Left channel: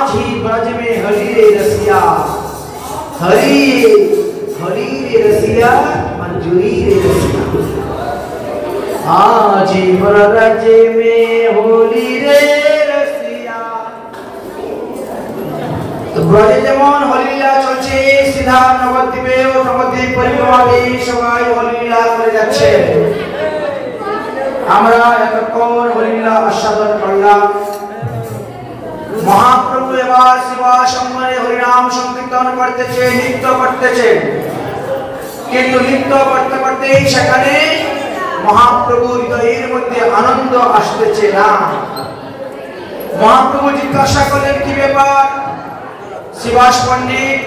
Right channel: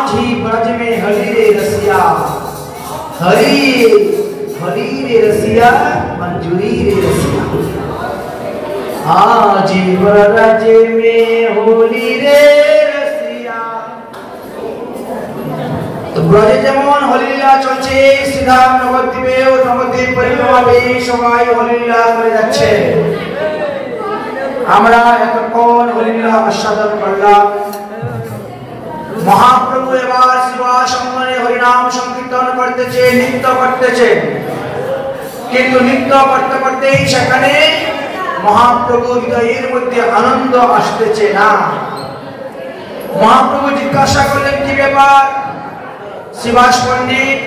आज ही ब्रज में हरि रे रसिया, हरि हरि रे रसिया, मंजूरी रे रसिया। आज ही ब्रज में होली रे रसिया। तो ব্রজে যেমন হরিলীলা চলছে, সিধা নবদ্বীপেও নবদ্বীপ পরিক্রমাবে সবাই হরিলীলা করে যাচ্ছে। আমরা এতক্ষণ হরিলীলা আস্বাদন করলাম। মহাপ্রভু এবার শিবা সম্মানে হরিনাম সংকীর্তন করতেছে, নৃত্য করতেছে। কিন্তু নৃত্য করতে করতেই সেখানে মহাপ্রভু হৃদয়ের মধ্যে আনন্দ আসতেছে না। মহাপ্রভু জিজ্ঞাসা করলেন কি ব্যাপার? শিবাস পণ্ডিত,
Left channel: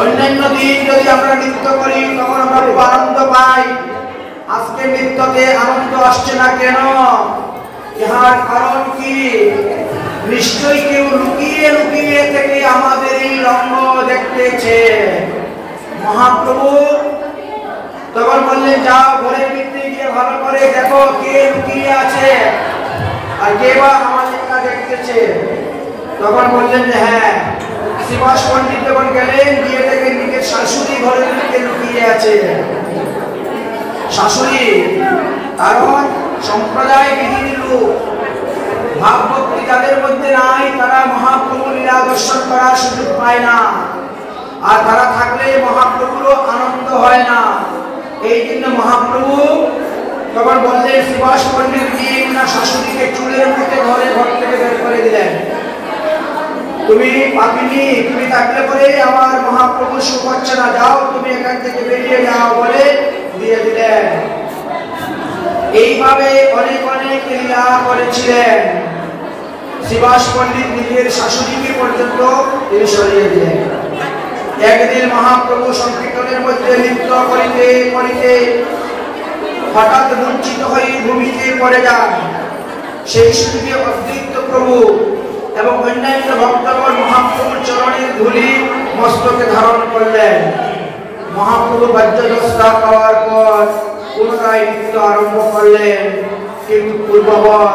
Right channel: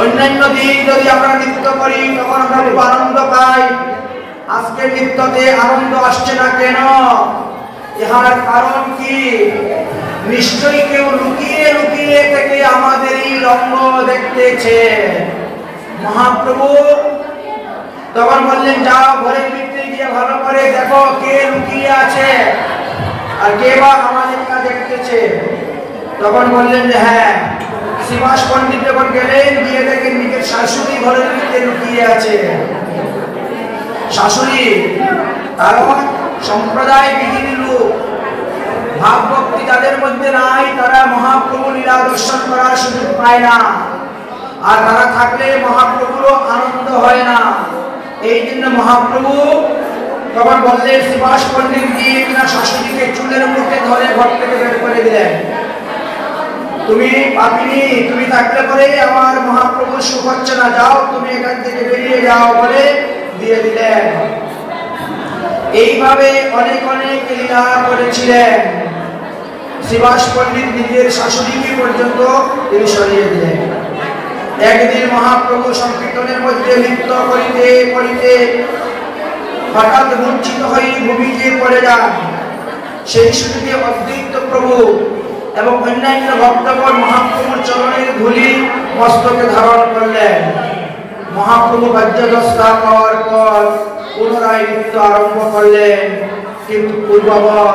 অন্যান্য দিন যদি আমরা নৃত্য করি তখন আমরা খুব আনন্দ পাই, আজকে নৃত্যতে আনন্দ আসছে না কেন? ইহার কারণ কি? নিশ্চয়ই কেউ লুকিয়ে লুকিয়ে থেকে আমাদের এই রঙ্গ দেখতেছে। মহাপ্রভু তখন বললেন, যাও ঘরের ভিতরে গিয়ে ভালো করে দেখো কে লুকিয়ে আছে আর কে বা আমাদেরটা দেখতেছে। তখন বললেন যে হ্যাঁ। শিবাস পণ্ডিত যখন গেলেন, গিয়ে দেখেন নিজের শাশুড়ি ঘরের ভিতরে লুকিয়ে আছে। শাশুড়ি কারণ সম্প্রদায় বিহীন লোক, ভাব ভক্তি যাদের মধ্যে নাই, তারা মহাপ্রভু লীলা দর্শন করার সুযোগ পায় না। আর তারা থাকলে মহাপ্রভুরও আনন্দ হয় না। এই জন্য মহাপ্রভু তখন বললেন, শিবাস পণ্ডিত গিয়ে না শাশুড়িকে চুলের মুঠে ধরে ঘর থেকে বের করে দিলেন। তুমি পাপিনি, তুমি থাকলে পরে আমার মহাপ্রভু সুখ হচ্ছে না, যাও তুমি এখান থেকে বেরিয়ে যাও বলে দিয়ে দিলেন। এইভাবে অনেক অনেক লীলা করেছিলেন। শিবাস পণ্ডিত নিজের শাশুড়িকে পর্যন্ত তিনি সরিয়ে দিলেন। একদিন মহাপ্রভু সংকীর্তনের মধ্যে নৃত্য করিতে করিতে হঠাৎ বঞ্চিত হয়ে ভূমিতে পড়ে যান। সেই সুযোগে অদ্বৈত প্রভু এবং অন্যান্য ভক্তগণ মহাপ্রভুর চরণের ধূলি মস্তকে ধারণ করলেন। মহাপ্রভু বাদ্যদস্তা পাওয়ার পর পুনরায় নৃত্য আরম্ভ করলেন, কিন্তু পূর্ববৎ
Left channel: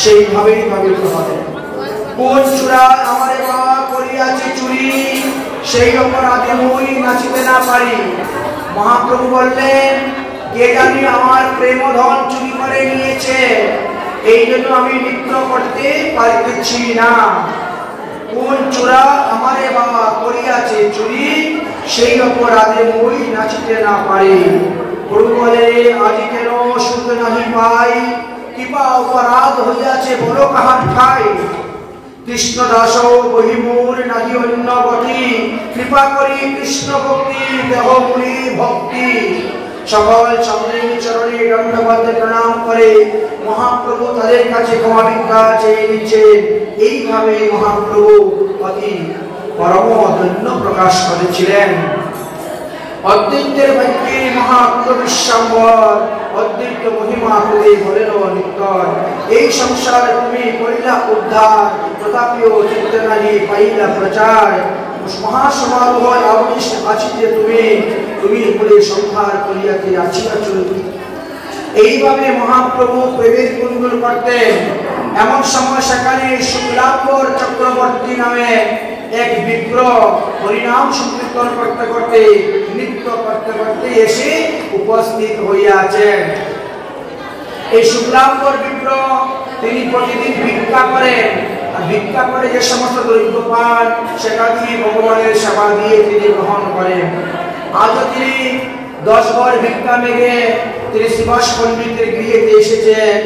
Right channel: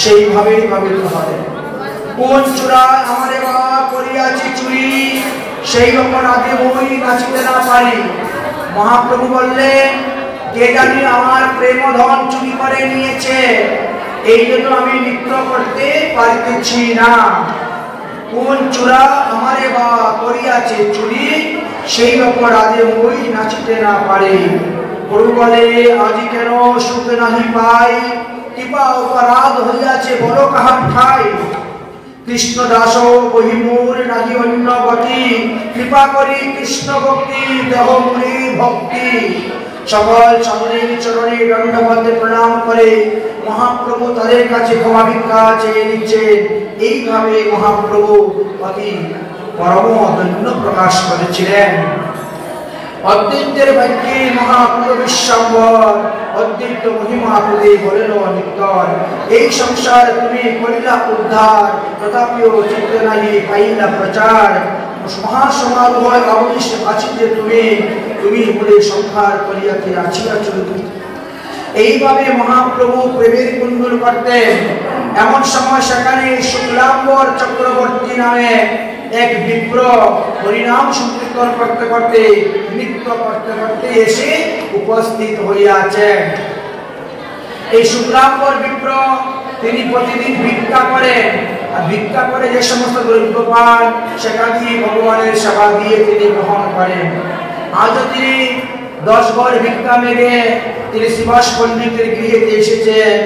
সেইভাবেই ভাবিত হবে। কোন চূড়া আমারে বাবা করিয়াছি চুরি, সেই অপরাধে মই নাচিতে না পারি। মহাপ্রভু বললেন, কে জানি আমার প্রেমধন চুরি করে নিয়েছে, এই জন্য আমি নৃত্য করতে পারিতেছি না। কোন চূড়া আমারে বাবা করিয়াছে চুরি, সেই অপরাধে মই নাচিতে না পারি। প্রভু বলে, আজি কেন সুখ নাহি পাই, কৃপা অপরাধ হইয়াছে বড় কাহার ঠাই। কৃষ্ণ দাস বহিমূর নাহি অন্য গতি, কৃপা করি কৃষ্ণ ভক্তি দেহ মুনি ভক্তি। সকল সামনের চরণে দণ্ডবদ্ধ প্রণাম করে মহাপ্রভু তাদের কাছে ক্ষমা ভিক্ষা চেয়ে নিচ্ছেন। এইভাবে মহাপ্রভু অতি পরম অদন্য প্রকাশ করেছিলেন। অদ্বৈতের ভাগ্যে মহাপ্রভু বিশ্বম্বর, অদ্বৈত মহিমা প্রতি বলেন নিত্যর। এই সংসার তুমি করিলা উদ্ধার, তথাপিও চিত্ত নাহি পাইলা প্রচার। মহাসমারোহ আবেশ আছিতে তুমি, তুমি বলে সংহার করিয়াতে আছিয়াছ। এইভাবে মহাপ্রভু প্রেমের কুণ্ডল করতেন। এমন সময় সেখানে শুক্লাম্বর চক্রবর্তী নামে এক বিপ্র হরিনাম সংকীর্তন করতে করতে নৃত্য করতে করতে এসে উপস্থিত হইয়াছেন। এই শুক্লাম্বর বিপ্র তিনি প্রতিদিন ভিক্ষা করেন, আর ভিক্ষা করে যে সমস্ত দ্রব্য পান সেটা দিয়ে ভগবানের সেবা দিয়ে তিনি গ্রহণ করেন। আজও তিনি 10 ঘর ভিক্ষা মেঘে তিনি শিবাস পণ্ডিতের গৃহে এসেছেন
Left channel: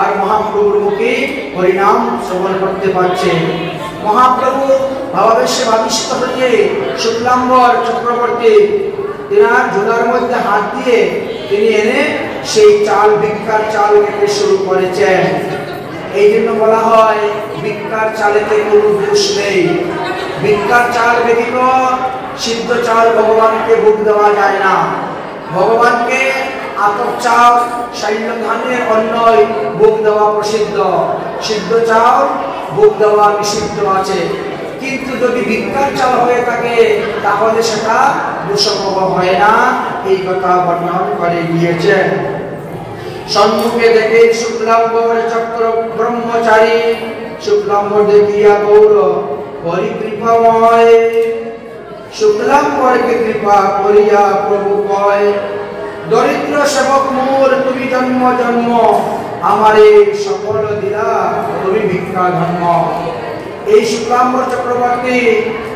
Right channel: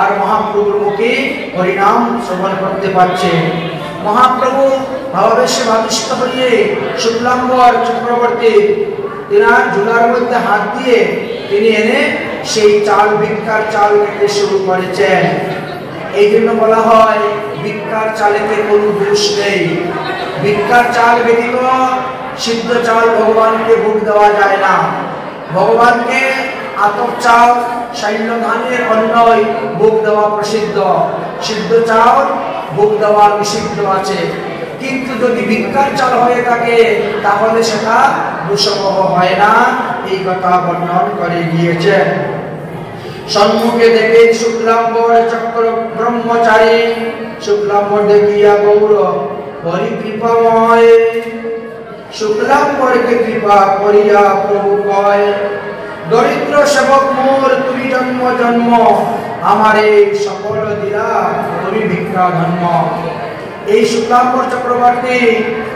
আর মহাপ্রভুর মুখে হরিনাম শ্রবণ করতে পারছেন। মহাপ্রভু ভাবাবেশে ভাবিষ্ট হয়ে শুক্লাম্বর চক্রবর্তী তিনার ঝুলার মধ্যে হাত দিয়ে তিনি এনে সেই চাল ভিক্ষার চাল খেতে শুরু করেছেন। এই জন্য বলা হয় ভিক্ষার চালেতে কোনো দোষ নেই। ভিক্ষার চাল ব্যতীত সিদ্ধ চাল ভগবানকে ভোগ দেওয়া যায় না। ভগবানকে আতপ চাল শৈল ধানের অন্নই ভোগ দেওয়া প্রসিদ্ধ, সিদ্ধ চাল ভোগ দেওয়া নিষিদ্ধ আছে। কিন্তু যদি ভিক্ষার চাল হয়ে থাকে তাহলে সেটা দোষবহ হয় না, এই কথা বর্ণনা করে দিয়েছেন। সম্মুখে দেখে শুক্লাম্বর চক্র ব্রহ্মচারী, শুক্লাম্বর দেখিয়া গৌর হরি কৃপাময়। শুক্লাম্বরকে কৃপা করিয়া প্রভু কয়, দরিদ্র সেবক মোর তুমি জন্ম জন্ম, আমারে সকল দিয়া তুমি ভিক্ষা ধর্ম। এই শুক্লাম্বর চক্রবর্তী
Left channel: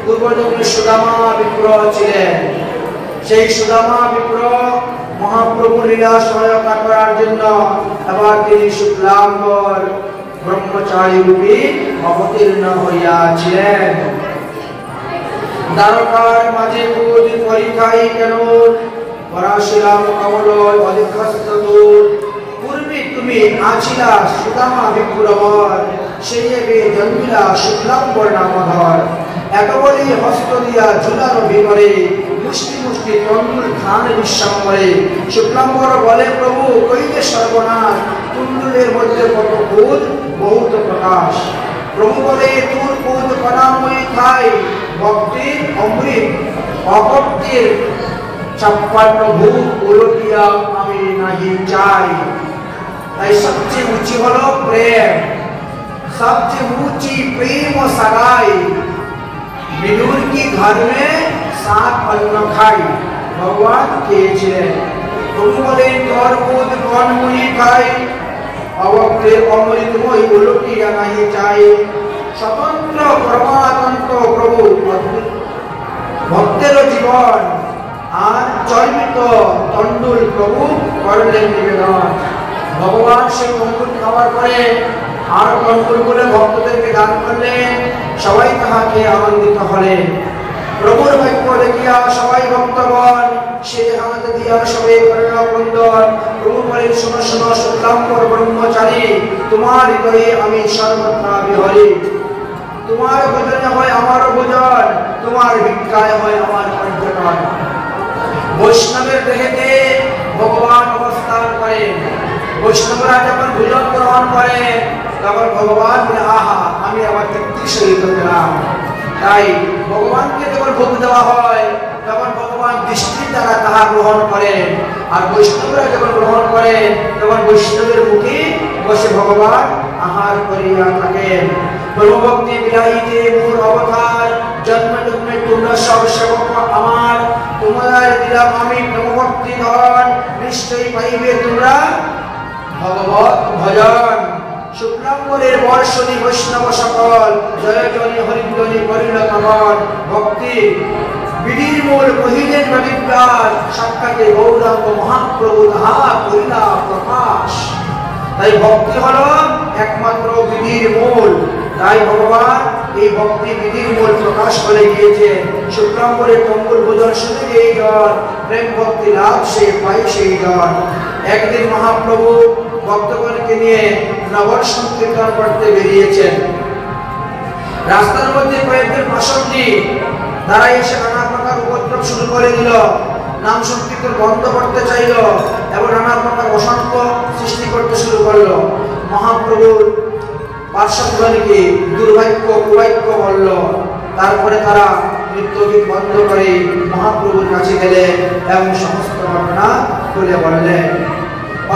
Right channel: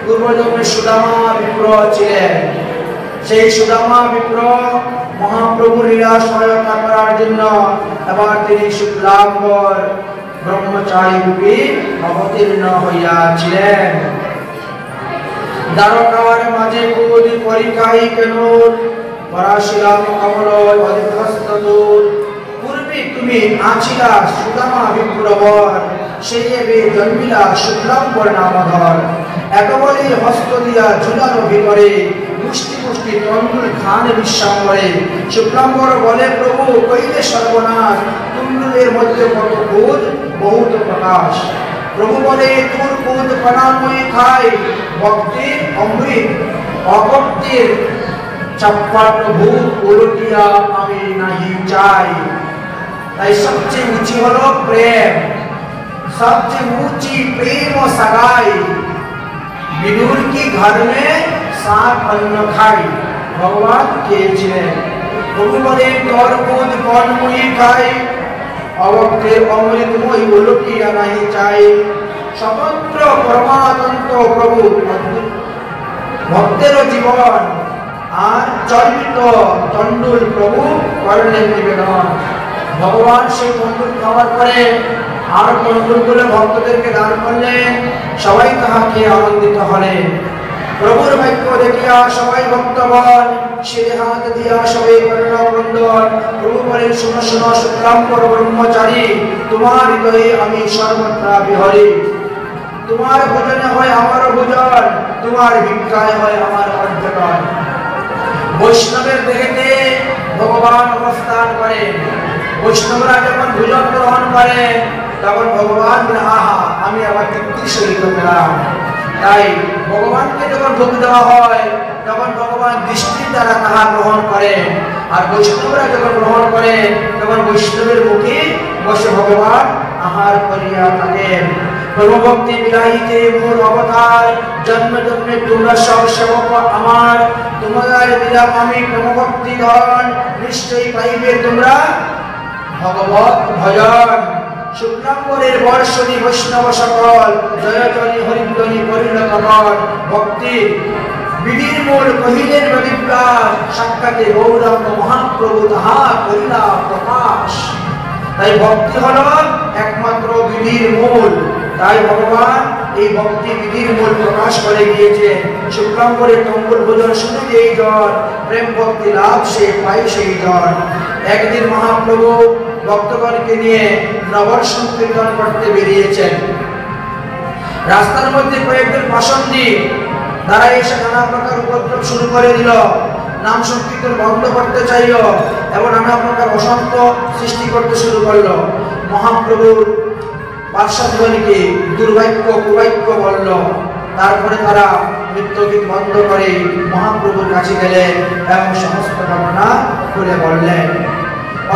পূর্বজন্মে সুদামা বিপ্র ছিলেন। সেই সুদামা বিপ্র মহাপ্রভু লীলা সহায়তা করার জন্য এবার তিনি শুক্লাম্বর ব্রহ্মচারী রূপে অবতীর্ণ হইয়াছিলেন। দ্বারকার মাঝে বোধ পরিকাই কেন, পরাশিরাম কমল অধিকস্ত দূর। পূর্বে তুমি আছিলা সুদামা বিপ্রবর, সেই এবে জন্মিলা শুক্লাম্বর নামধর। এত বলি হস্ত দিয়া ঝুলানো ভিতরে, মুষ্টি মুষ্টি তন্ডুল খান বিশ্বাম্বরে। শুক্লাম্বর বলে প্রভু কইলে সর্বনাশ, তুণ্ডুলের মধ্যে কত বোধ বহুত প্রকাশ। প্রভু বলে তোর বোধ কণাময়ী খাই, ভক্তির অমৃত অভক্তির ছাপ্পান্ন ভূত উলটিয়া আমি নাহি চাই। তাই সবচেয়ে উঁচু হলো প্রেম, সবচেয়ে ऊंची प्रेम सगाई। विदुर की घर में 7 अन्न खाई, भगवान খেয়েছিলেন। প্রভু বলে তোর বোধ কণময়ী খাই, অভক্তের অমৃতময়ী উলটিয়া নাহি চাই। স্বতন্ত্র প্রমাতন্ত্র প্রভু ভক্তের জীবন, আর চর্বিত তন্ডুল প্রভু করলেন নিবেদন। ভগবান সেই তন্ডুল খাওয়ার পরে আর তন্ডুল করে ভক্তদেরকে দান করলেন। সবাই তাহাকে আনন্দিত হলেন। প্রভুর বাক্য দেখিয়া সবাই ভক্তগণ সে হাত দিয়া সবাই করুণা বন্দন। প্রভু বলেন শোনো শোনো শুক্লাম্বর ব্রহ্মচারী, তোমার হৃদয়ে আমি সর্বত্রা বিহরি। তোমার ভোজনে হয় আমার ভোজন, তোমার ভিক্ষায় হয় আমার পর্যটন। বৈষ্ণবের দেহেতে ভগবান অবস্থান করেন। বৈষ্ণবরা যখন ভোজন গ্রহণ করে তখন ভগবান আহা আমি আবার তৃপ্তি সহিত পেলাম। তাই ভগবানকে যখন ভোগ দেওয়া হয় তখন ভগবান দৃষ্টির দ্বারা তাহা গ্রহণ করেন। আর বৈষ্ণবরা যখন গ্রহণ করেন তখন বৈষ্ণবের মুখে বসে ভগবান আহার করিয়া থাকেন। ব্রহ্মভক্তি বিলাইতে মোর অবতার, জন্ম জন্মে তোমরা সব সেবক আমার। তোমাদের দিলাম আমি ব্রহ্মভক্তি ধন, নিশ্চয়ই পাইবে তোমরা ভগবত ভজন। শুক্লাম্বরের বর্ষণী বৈষ্ণব সকল, জয়জনী হরিধ্বনি করিল কমল। ভক্তি বিধির মূল কহিলেন নদীপ্রাস, সাক্ষাতে গৌরঙ্গ মহাপ্রভু তাহা করিলা প্রকাশ। তাই ভক্তি হল একমাত্র বিধির মূল। তাই ভগবান এই ভক্তি বিধির মূল প্রকাশ করে গিয়েছেন। শুক্লাম্বরের তম্বুর ভোজন শুনে যেই জন প্রেম ভক্তি লাভ সে পাই সেই জন। একদিন মহাপ্রভু ভক্তগণকে নিয়ে নগর সংকীর্তন করতে বেরিয়েছেন। রাস্তার মধ্যে কয়েকজন পাষণ্ডী তারা এসে নানা প্রকার উপদ্রব শুরু করে দিল। নাম সংকীর্তন বন্ধ করতে চাইল এবং নানা প্রকার অশান্ত সৃষ্টি করতে শুরু করলো। মহাপ্রভুর পার্শ্বগণকে দুর্ভাগ্য কুবাক্য বলল। তারপরে তারা নৃত্যগীত বন্ধ করে মহাপ্রভুর কাছে গেলেন এবং সমস্ত ঘটনা খুলে বললেন।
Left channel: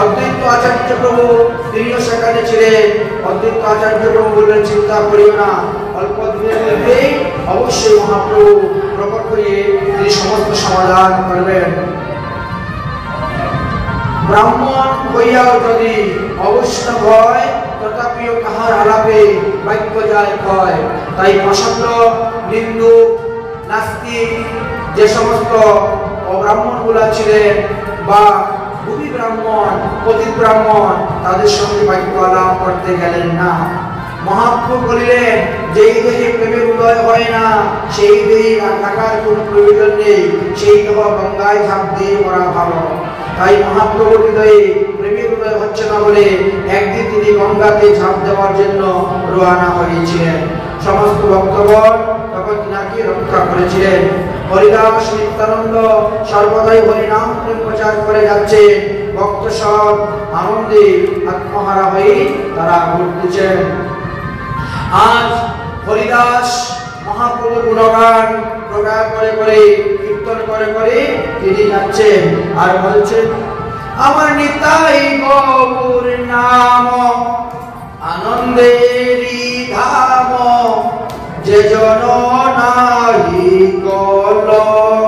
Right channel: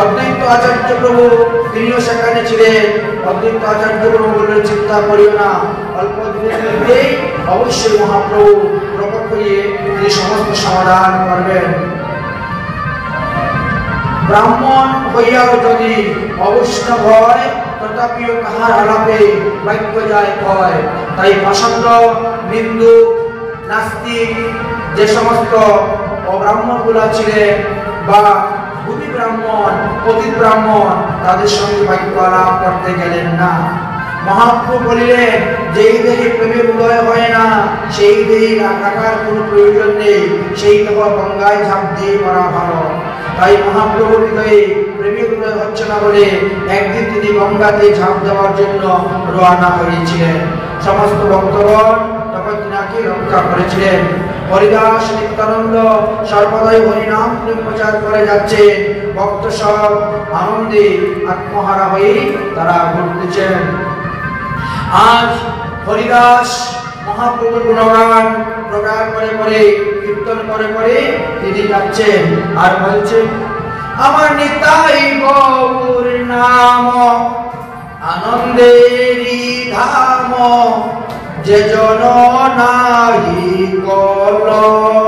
অদ্বৈত আচার্য প্রভু তিনিও সেখানে ছিলেন। অদ্বৈত আচার্য প্রভু বললেন চিন্তা করিও না, অল্প দিনের মধ্যেই অবশ্যই মহাপ্রভু প্রকট হয়ে তিনি সমস্ত সমাধান করবেন। ব্রাহ্মণ হইয়াও যদি অবৈষ্ণব হয় তথাপিও কাহার আলাপে বাক্য যায় ক্ষয়। তাই পাষণ্ড নিন্দু নাস্তিক যে সমস্ত অব্রাহ্মণ গুলা ছিলেন বা ভূমি ব্রাহ্মণ পতিত ব্রাহ্মণ তাদের সঙ্গে বাক্য আলাপ করতে গেলেন না। মহাপ্রভু বলিলেন যেই দেহে প্রেমের উদয় হয় না সেই দেহে রাখার কোনো প্রয়োজন নেই, সেই দেহ গঙ্গায় ঝাঁপ দিয়ে করা ভালো। তাই মহাপ্রভুর হৃদয়ে প্রেমের উদয় হচ্ছে না বলে একদিন তিনি গঙ্গাতে ঝাঁপ দেওয়ার জন্য রওনা হয়েছিলেন। সমস্ত ভক্তগণ তখন তিনাকে রক্ষা করেছিলেন। হরিদাস নিত্যানন্দ সর্বদাই হরিনাম প্রচার করে যাচ্ছে। ভক্ত সব আনন্দে আত্মহারা হয়ে তারা ঘুরতেছেন। আজ হরিদাস মহাপ্রভুর গুণগান প্রচার করে করে কীর্তন করে করে তিনি যাচ্ছেন আর বলছেন আমার নিতাই গৌর নাম আনন্দেরি ধাম যে জন নাহি কলয়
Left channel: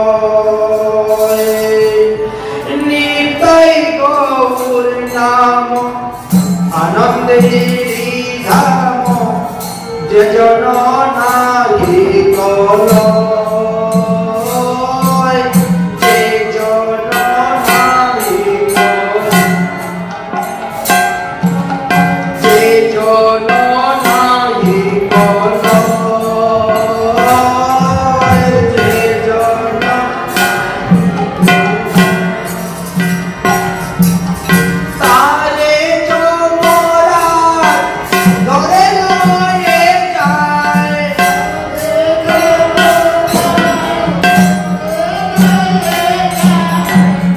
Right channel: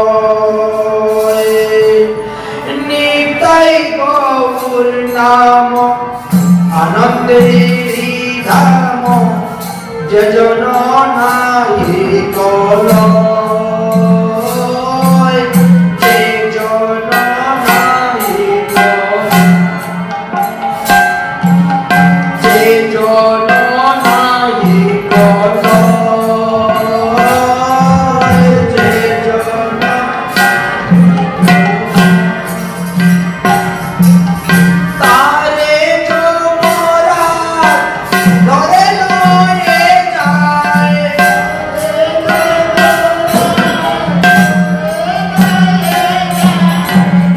নিতাই গৌর নাম আনন্দেরি ধাম যে জন নাহি কলয় যে জন নাহি যে জন নাহি কলয় যে জন তারে চমরা ঘরে লয়ে যায়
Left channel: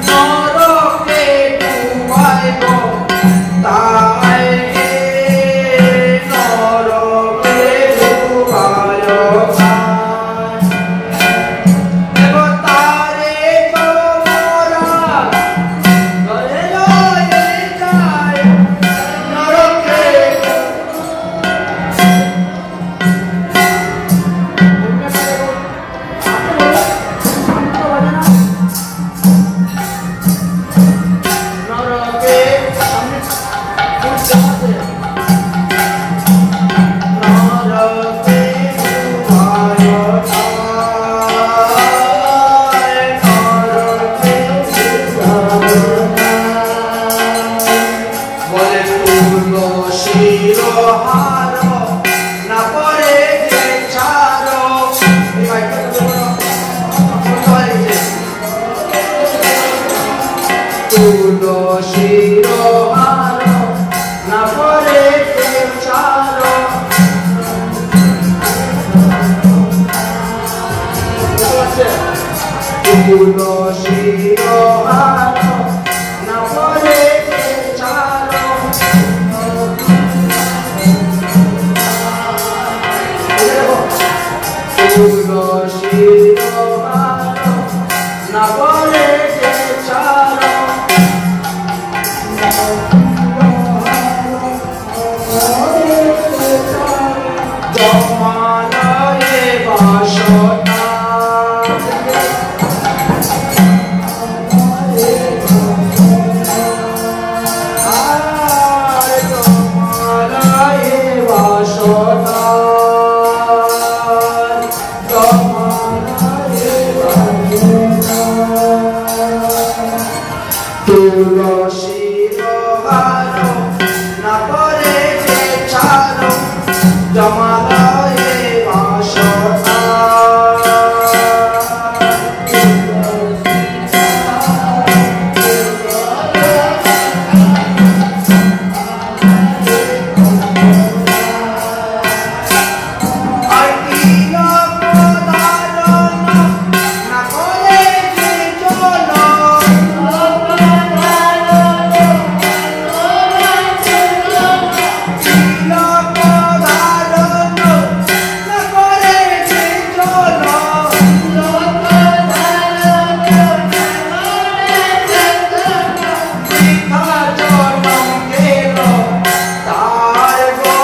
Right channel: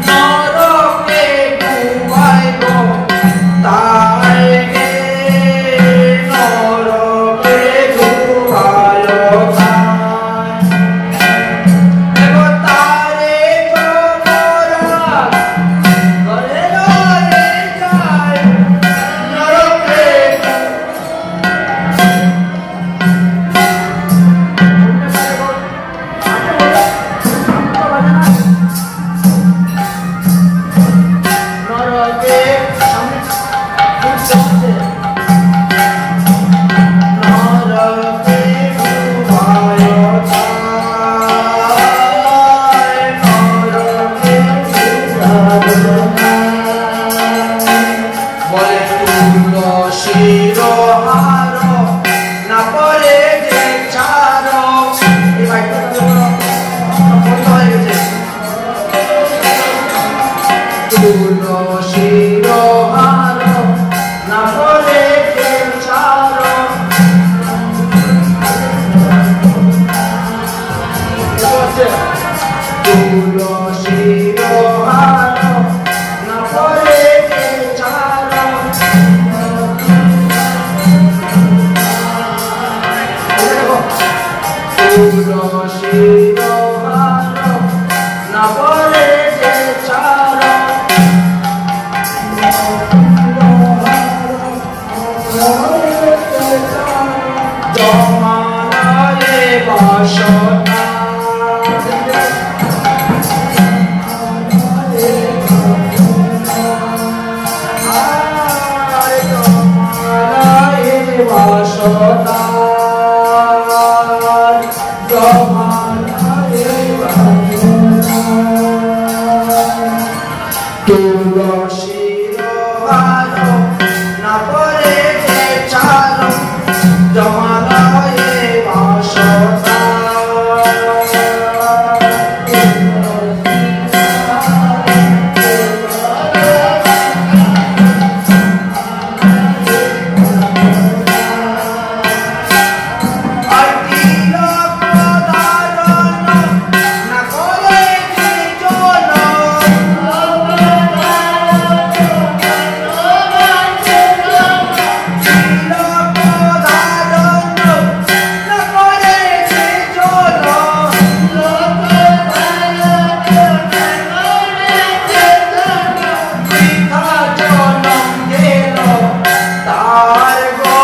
নরকে ডুবাইব তাই নরকে ডুবালো তারে চমরা ঘরে লয়ে যায় নরকে নরকে সামনে বুঝতে নরকে ডুবায় নরকে বলে তুলসীর হার না পরে যে ছাড় এই বাইকটা বন্ধ হয়ে গেছে তুলসীর হার না পরে যে ছাড় তুলসীর হার না পরে যে ছাড় তুলসীর হার না পরে যে ছাড় জমালয়ে বাসনা আয় জমালয়ে বাসনা জমালয়ে তুলসীর হার না পরে যে ছাড় জমালয়ে বাসনা আর তিলক ধারণ না করে যে জন তিলক ধারণ না করে যে জন বৃথা জনম গেল তার গো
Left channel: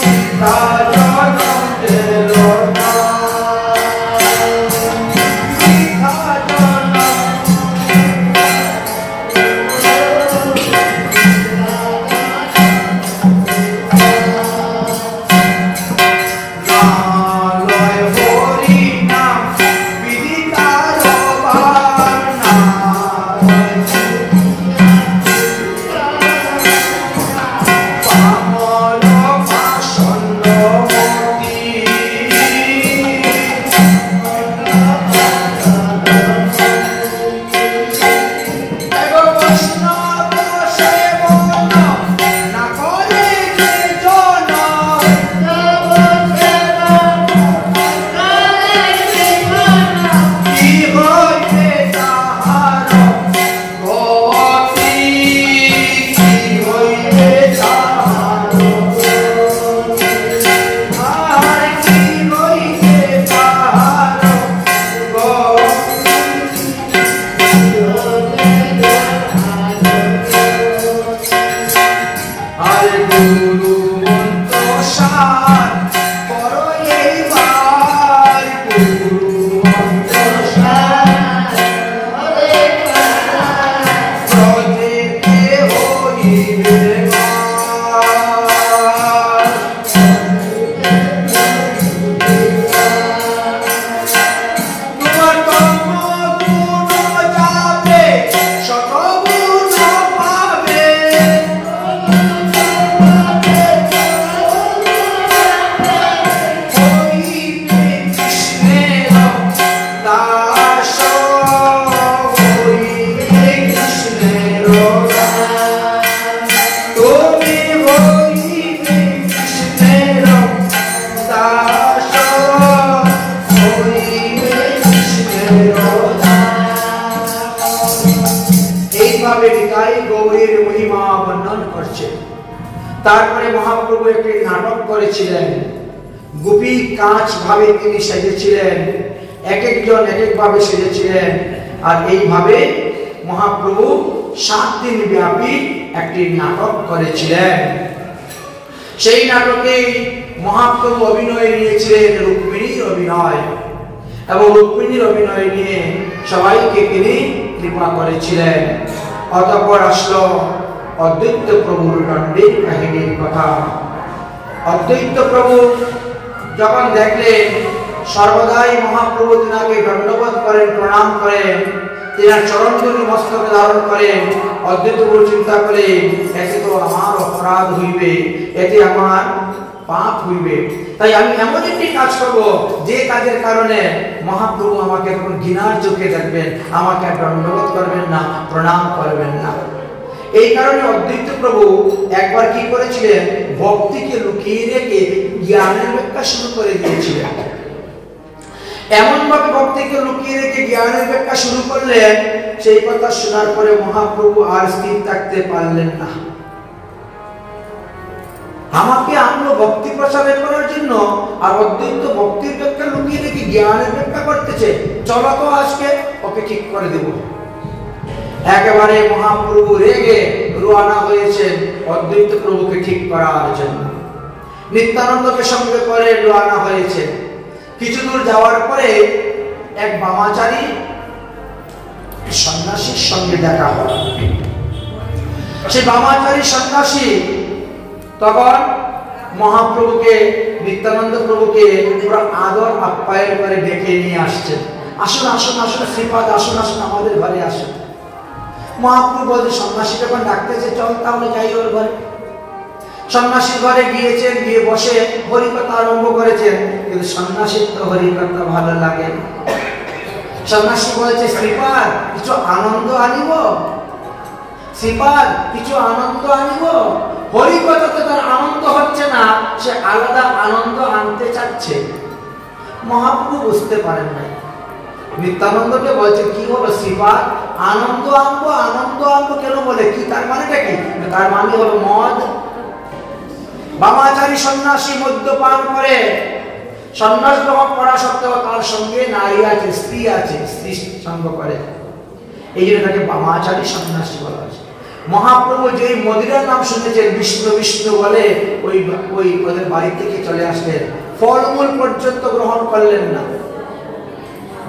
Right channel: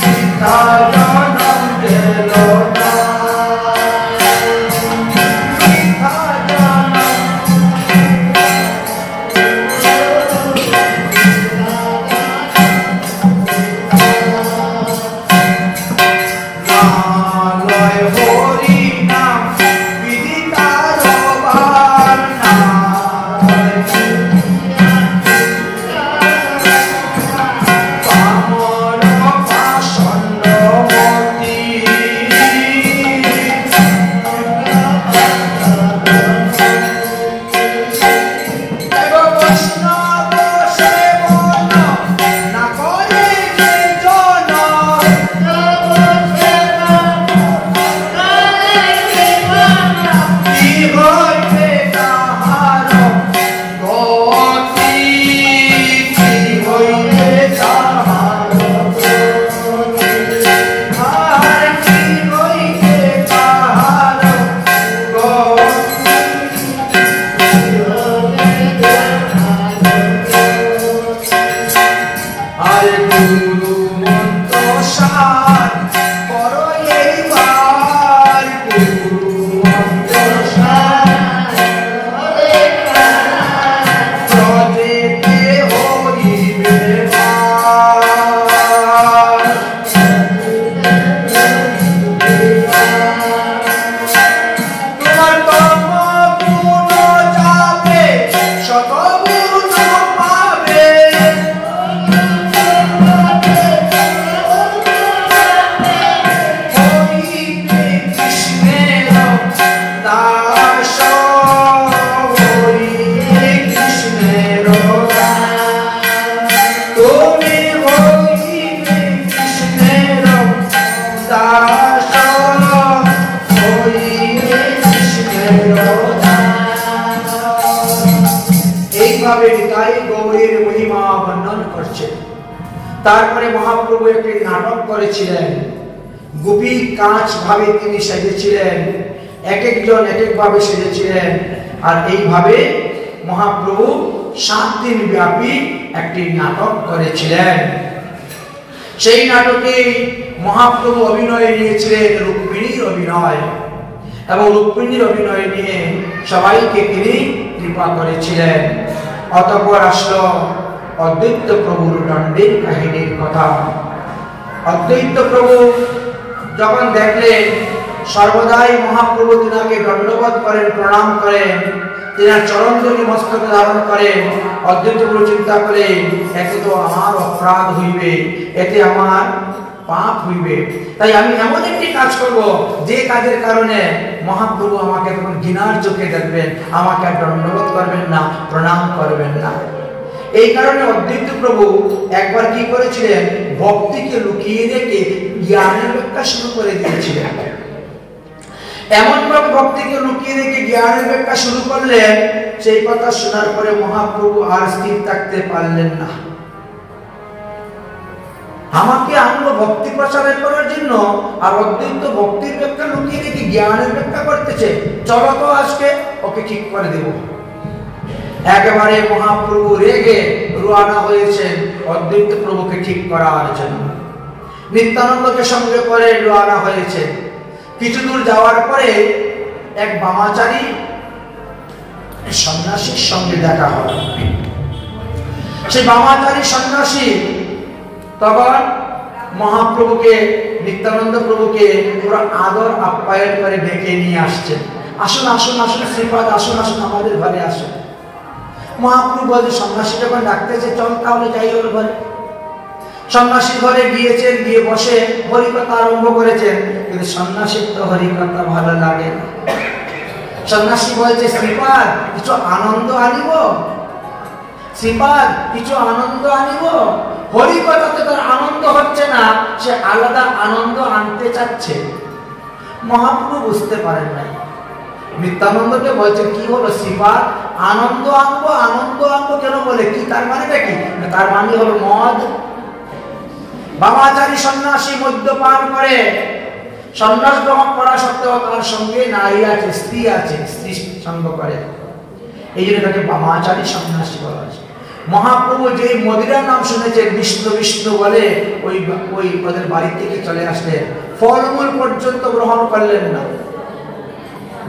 বৃথা জনম গেল বৃথা জনম নালয় হরি নাম বিদিতার বার নালয় পামর পাষণ্ড বলির মহিমা বর্ণন করছে। তারপরে মহাপ্রভু একটি নাটক করেছিলেন, গোপী কাঁচ ভাবে তিনি সেজেছিলেন, এক একজন এক এক ভাবে সেজেছিলেন। আর এইভাবে মহাপ্রভু 7 দিন ব্যাপী একটি নাটক করেছিলেন। সেই নাটকে মহাপ্রভু অভিনয় নিয়েছিলেন রুক্মিণীর অভিনয়, এবং রুক্মিণীর অভিনয় নিয়ে সবাইকে তিনি কৃপা করেছিলেন। অতঃপর আসলো অদ্বৈত প্রভুর দণ্ডের কাহিনীর কথা। অদ্বৈত প্রভু যখন দেখলেন সর্বদাই মহাপ্রভু তিনাকে দণ্ডবোধ করেন, প্রণাম করেন, তিনার চরণধূলি মস্তকে ধারণ করেন, অদ্বৈত প্রভু চিন্তা করেন এতে তো আমার অপরাধ হইবে, এতে আমার পাপ হইবে, তাই আমি এমন একটি কাজ করব যে কাজের কারণে মহাপ্রভু আমাকে তখন ঘৃণার চোখে দেখবেন, আমাকে আর দণ্ডবোধ করবেন না, প্রণাম করবেন না। এই কারণে অদ্বৈত প্রভু একবার কি করেছিলেন, ভক্তিকে লুকিয়ে রেখে জ্ঞানের ব্যাখ্যা শুরু করে দিয়েছিলেন। এমন ভাবে ভক্তিকে লুকিয়ে রেখে জ্ঞানের ব্যাখ্যা শুরু করলেন, সেই কথা শোনার পরে মহাপ্রভু আর স্থির থাকতে পারলেন না। আমাকে আনলো ভক্তি প্রচার করার জন্য, আর অদ্বৈত ভক্তির ব্যাখ্যা লুকিয়ে রেখে জ্ঞানের ব্যাখ্যা করতেছে, চলো তো আজকে ওকে ঠিক করে দেব। একেবারে মহাপ্রভু রেগে রওনা হয়েছেন অদ্বৈত প্রভুকে ঠিক করার জন্য। নিত্যানন্দকে সঙ্গে করে রওনা হয়েছে। কিছু দূর যাওয়ার পরে এক বামাচারী সন্ন্যাসীর সঙ্গে দেখা হয়। সেই বামাচারী সন্ন্যাসী তখন মহাপ্রভুকে, নিত্যানন্দ প্রভুকে পুরো আদর আপ্যায়ন করে ডেকে নিয়ে আসছেন, আসুন আসুন আসুন শ্রীপাদ, আসুন আসুন আমাদের ঘরে আসুন। মহাপ্রভু বলছে, সন্ন্যাসী যখন ডাকতেছে চল তাহলে যাই ওর ঘরে। সন্ন্যাসী ঘরে গিয়েছেন, গিয়ে বসে হরিকথা আরম্ভ করেছেন, কিন্তু সন্ন্যাসীর তো হরিকথা ভালো লাগে। সন্ন্যাসী বলছে, শ্রীপাদ কিছু আনন্দ আনিব, শ্রীপাদ কিছু আনন্দ আনিব। হরিকথাতে তার আনন্দ হচ্ছে না, সে আলাদা আনন্দ আনতে চাচ্ছে। মহাপ্রভু বুঝতে পারেন নাই। নিত্যানন্দকে বলছে, কি হলো শ্রীপাদ, আনন্দ আনবো, আনন্দ আনবো কেন বলে, কি তার মানেটা কি? তার মানে হলো মদ। বামাচারী সন্ন্যাসী মদ্যপান করে, সন্ন্যাস গ্রহণ করা সত্ত্বেও তার সঙ্গে নারী আছে, স্ত্রী আছে, স্ত্রী সঙ্গ করে, এই জন্য তাকে বামাচারী সন্ন্যাসী বলা হয়েছে। মহাপ্রভু যে মদিরার নাম শুনেছেন বিষ্ণু বিষ্ণু বলে ওই ওদের বাড়ি থেকে চলে আসলেন, ফলমূল পর্যন্ত গ্রহণ করলেন না।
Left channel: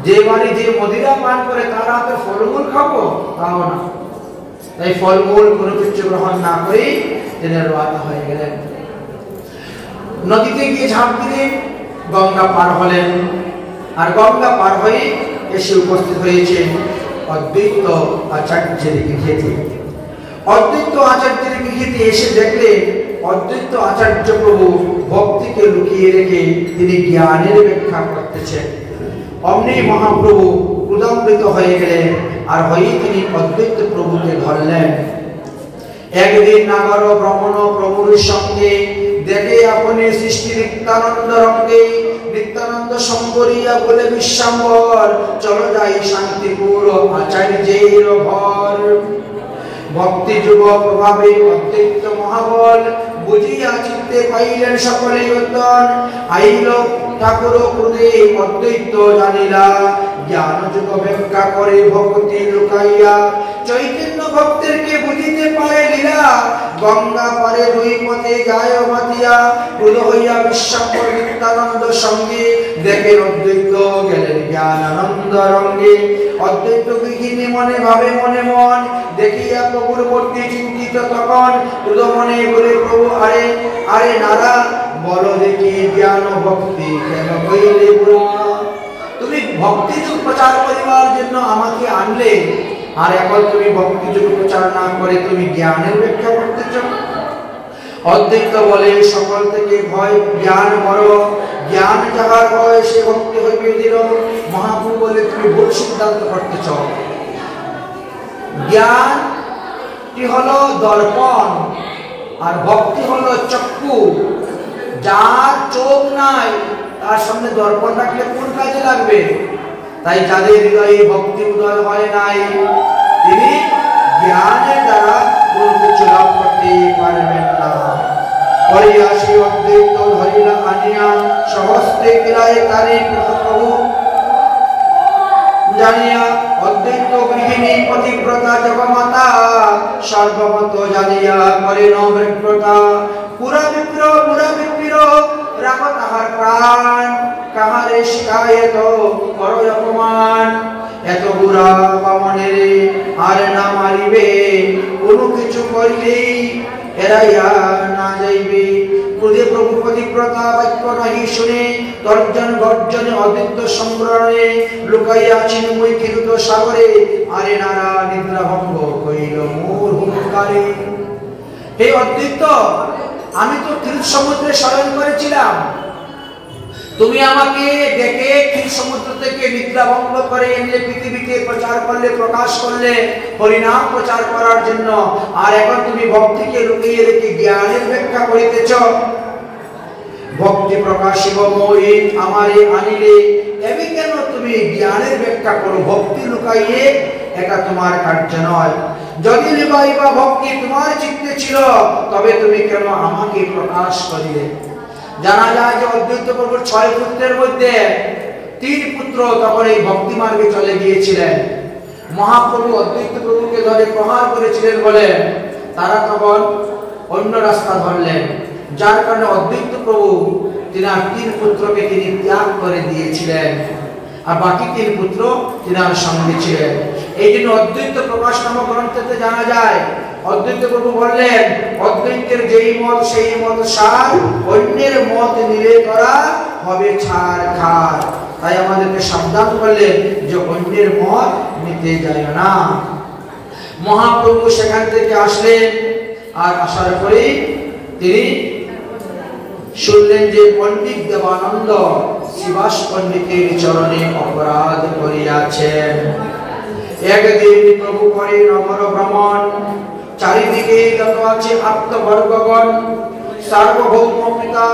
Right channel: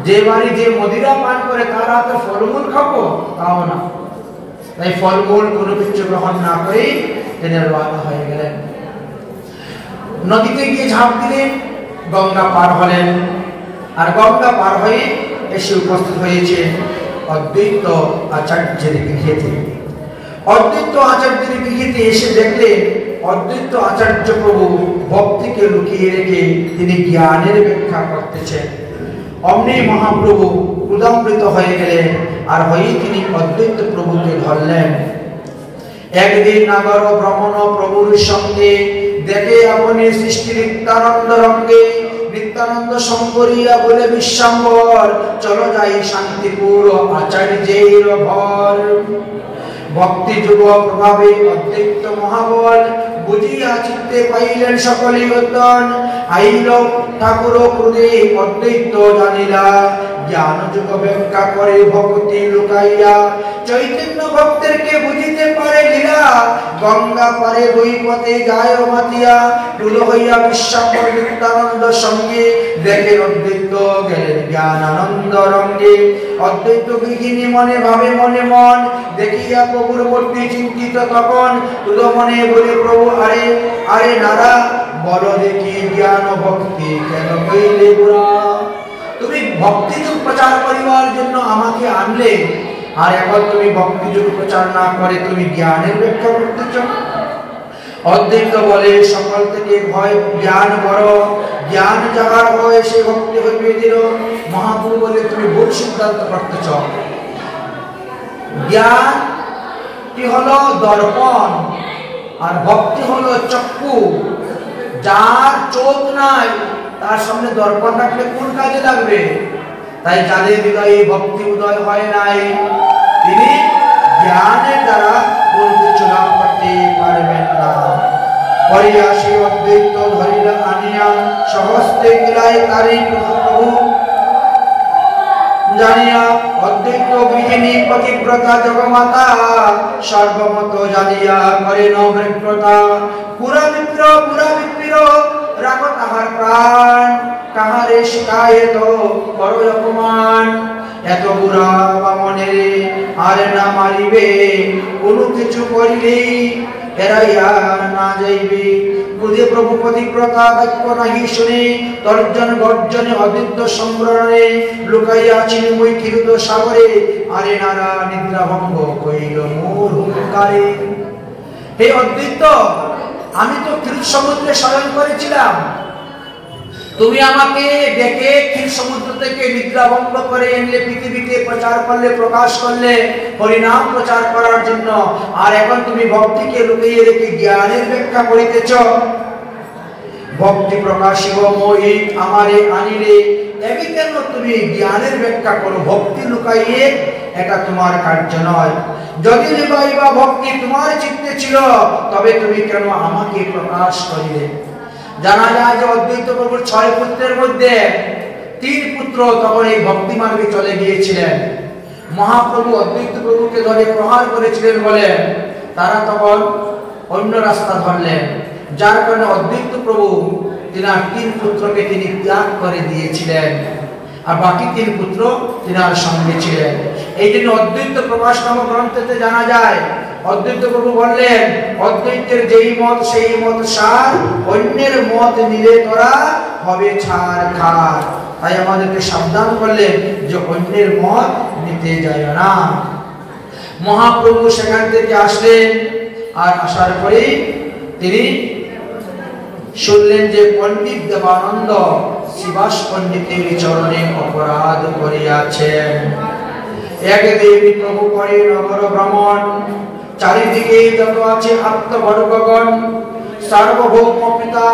যে বাড়ি যে মদিরা পান করে তার হাতে ফলমূল খাবো, তাও না। তাই ফলমূল কোনো কিছু গ্রহণ না করে তিনি রওনা হয়ে গেলেন। নদীতে গিয়ে ঝাঁপ দিলেন, গঙ্গা পার হলেন, আর গঙ্গা পার হয়ে এসে উপস্থিত হয়েছে অদ্বৈত আচার্যের গৃহেতে। অদ্বৈত আচার্যের গৃহেতে এসে দেখলেন অদ্বৈত আচার্য প্রভু ভক্তিকে লুকিয়ে রেখে তিনি জ্ঞানের ব্যাখ্যা করতেছেন। অমনি মহাপ্রভু ক্রোধান্বিত হয়ে গেলেন, আর হয়ে তিনি অদ্বৈত প্রভুকে ধরলেন। একদিন নগর ভ্রমণ প্রভুর সঙ্গে দেখে আপনি সৃষ্টি নিত্যানন্দ রঙ্গে, নিত্যানন্দ সম্বরিয়া বলে বিশ্বাম্বর, চলো যাই শান্তিপুর আচার্যের ঘর। ভক্তি যুগ প্রভাবে অদ্বৈত মহাবল বুঝিয়া চিত্তে পাইলেন সকলে উত্তন, আইল ঠাকুর ক্রোধে অদ্বৈত জানিলা, জ্ঞান যুগ ব্যাখ্যা করে ভক্তি লুকাইয়া, চৈতন্য ভক্তেরকে বুঝিতে পারে লীলা, গঙ্গা পারে দুই পথে যায় মাতিয়া, ক্রোধ হইয়া বিশ্বাম্বর নিত্যানন্দ সঙ্গে দেখেন অদ্বৈত গেলেন জ্ঞান আনন্দ রঙ্গে। অদ্বৈত গৃহিণী মনে ভাবে মনে মন, দেখিয়া প্রভুর মূর্তি চিন্তিত তখন, ক্রোধ মনে বলে প্রভু আরে আরে নারা, বলো দেখি জ্ঞান ভক্তি কেন হইলে বুড়া। তুমি ভক্তিযুগ প্রচার করিবার জন্য আমাকে আনলে, আর এখন তুমি ভক্তিযুগ প্রচার না করে তুমি জ্ঞানের ব্যাখ্যা করতেছ। অদ্বৈত বলে, সকল থেকে ভয় জ্ঞান বড়, জ্ঞান যাহার হয় সে ভক্তি হইবে দৃঢ়। মহাপ্রভু বলে, তুমি ভুল সিদ্ধান্ত করতেছ। জ্ঞানটি হলো দর্পণ, আর ভক্তি হলো চক্ষু। যার চোখ নাই তার সামনে দর্পণ রাখলে কোন কাজে লাগবে? তাই যাদের হৃদয়ে ভক্তি উদয় হয় নাই, তিনি জ্ঞানের দ্বারা কোনো কিছু লাভ করতে পারবেন না। পরে আসি অদ্বৈত ধরিল আনিয়া সহস্তে গিলায় তারি প্রভু জানিয়া অদ্বৈত গৃহিণী পতিব্রতা জগমাতা সর্বমত জানিয়া করেন বিব্রতা। পুরা বিপ্র রাখ তাহার প্রাণ কাহারে শিকায়ত করো অপমান। এত বুড়া কামনের আর না মারিবে কোনো কিছু করিলেই এরাইয়া না যাইবে। ক্রোধে প্রভু পতিব্রতা বাক্য নাহি শুনে তর্জন গর্জনে অদ্বৈত সংগ্রহণে লুকাইয়া আছেন মই ক্ষীরুত সাগরে। আরে নারা নিদ্রা ভঙ্গ কইল মোর হুঙ্কারে। হে অদ্বৈত, আমি তো ক্ষীর সমুদ্রে শয়ন করেছিলাম, তুমি আমাকে ডেকে ক্ষীর সমুদ্র থেকে নিদ্রা ভঙ্গ করে এনে পৃথিবীকে প্রচার করলে, প্রকাশ করলে হরিনাম প্রচার করার জন্য। আর এখন তুমি ভক্তিকে লুকিয়ে রেখে জ্ঞানের ব্যাখ্যা করিতেছ। ভক্তি প্রকাশিব মই আমারে আনিলে, এমনি কেন তুমি জ্ঞানের ব্যাখ্যা করো? ভক্তি লুকাইয়ে এটা তোমার কার্য নয়। যদি লিবাইবা ভক্তি তোমার চিত্তে ছিল, তবে তুমি কেন আমাকে প্রকাশ করিলে? জানা যায় যে অদ্বৈত প্রভুর 6 পুত্রের মধ্যে 3 পুত্র তখন এই ভক্তি মার্গে চলে গিয়েছিলেন। মহাপ্রভু অদ্বৈত প্রভুকে ধরে প্রহার করেছিলেন বলে তারা তখন অন্য রাস্তা ধরলেন, যার কারণে অদ্বৈত প্রভু তিনার 3 পুত্রকে তিনি ত্যাগ করে দিয়েছিলেন, আর বাকি 3 পুত্র তিনার সঙ্গে ছিলেন। এই জন্য অদ্বৈত প্রকাশ নামক গ্রন্থেতে জানা যায় অদ্বৈত প্রভু বললেন, অদ্বৈতের যেই মত সেই মত সার, অন্যের মত নিলে তোরা হবে ছাড় খার। তাই আমাদেরকে সাবধান করলেন যে অন্যের মত নিতে যায় না। মহাপ্রভু সেখান থেকে আসলেন, আর আসার পরে তিনি শুনলেন যে পণ্ডিত দেবানন্দ শিবাস পণ্ডিতের চরণে অপরাধ করিয়াছেন। একদিন প্রভু করে নগর ভ্রমণ, চারিদিকে যত আছে আত্মবর্গগণ, সার্বভৌম পিতা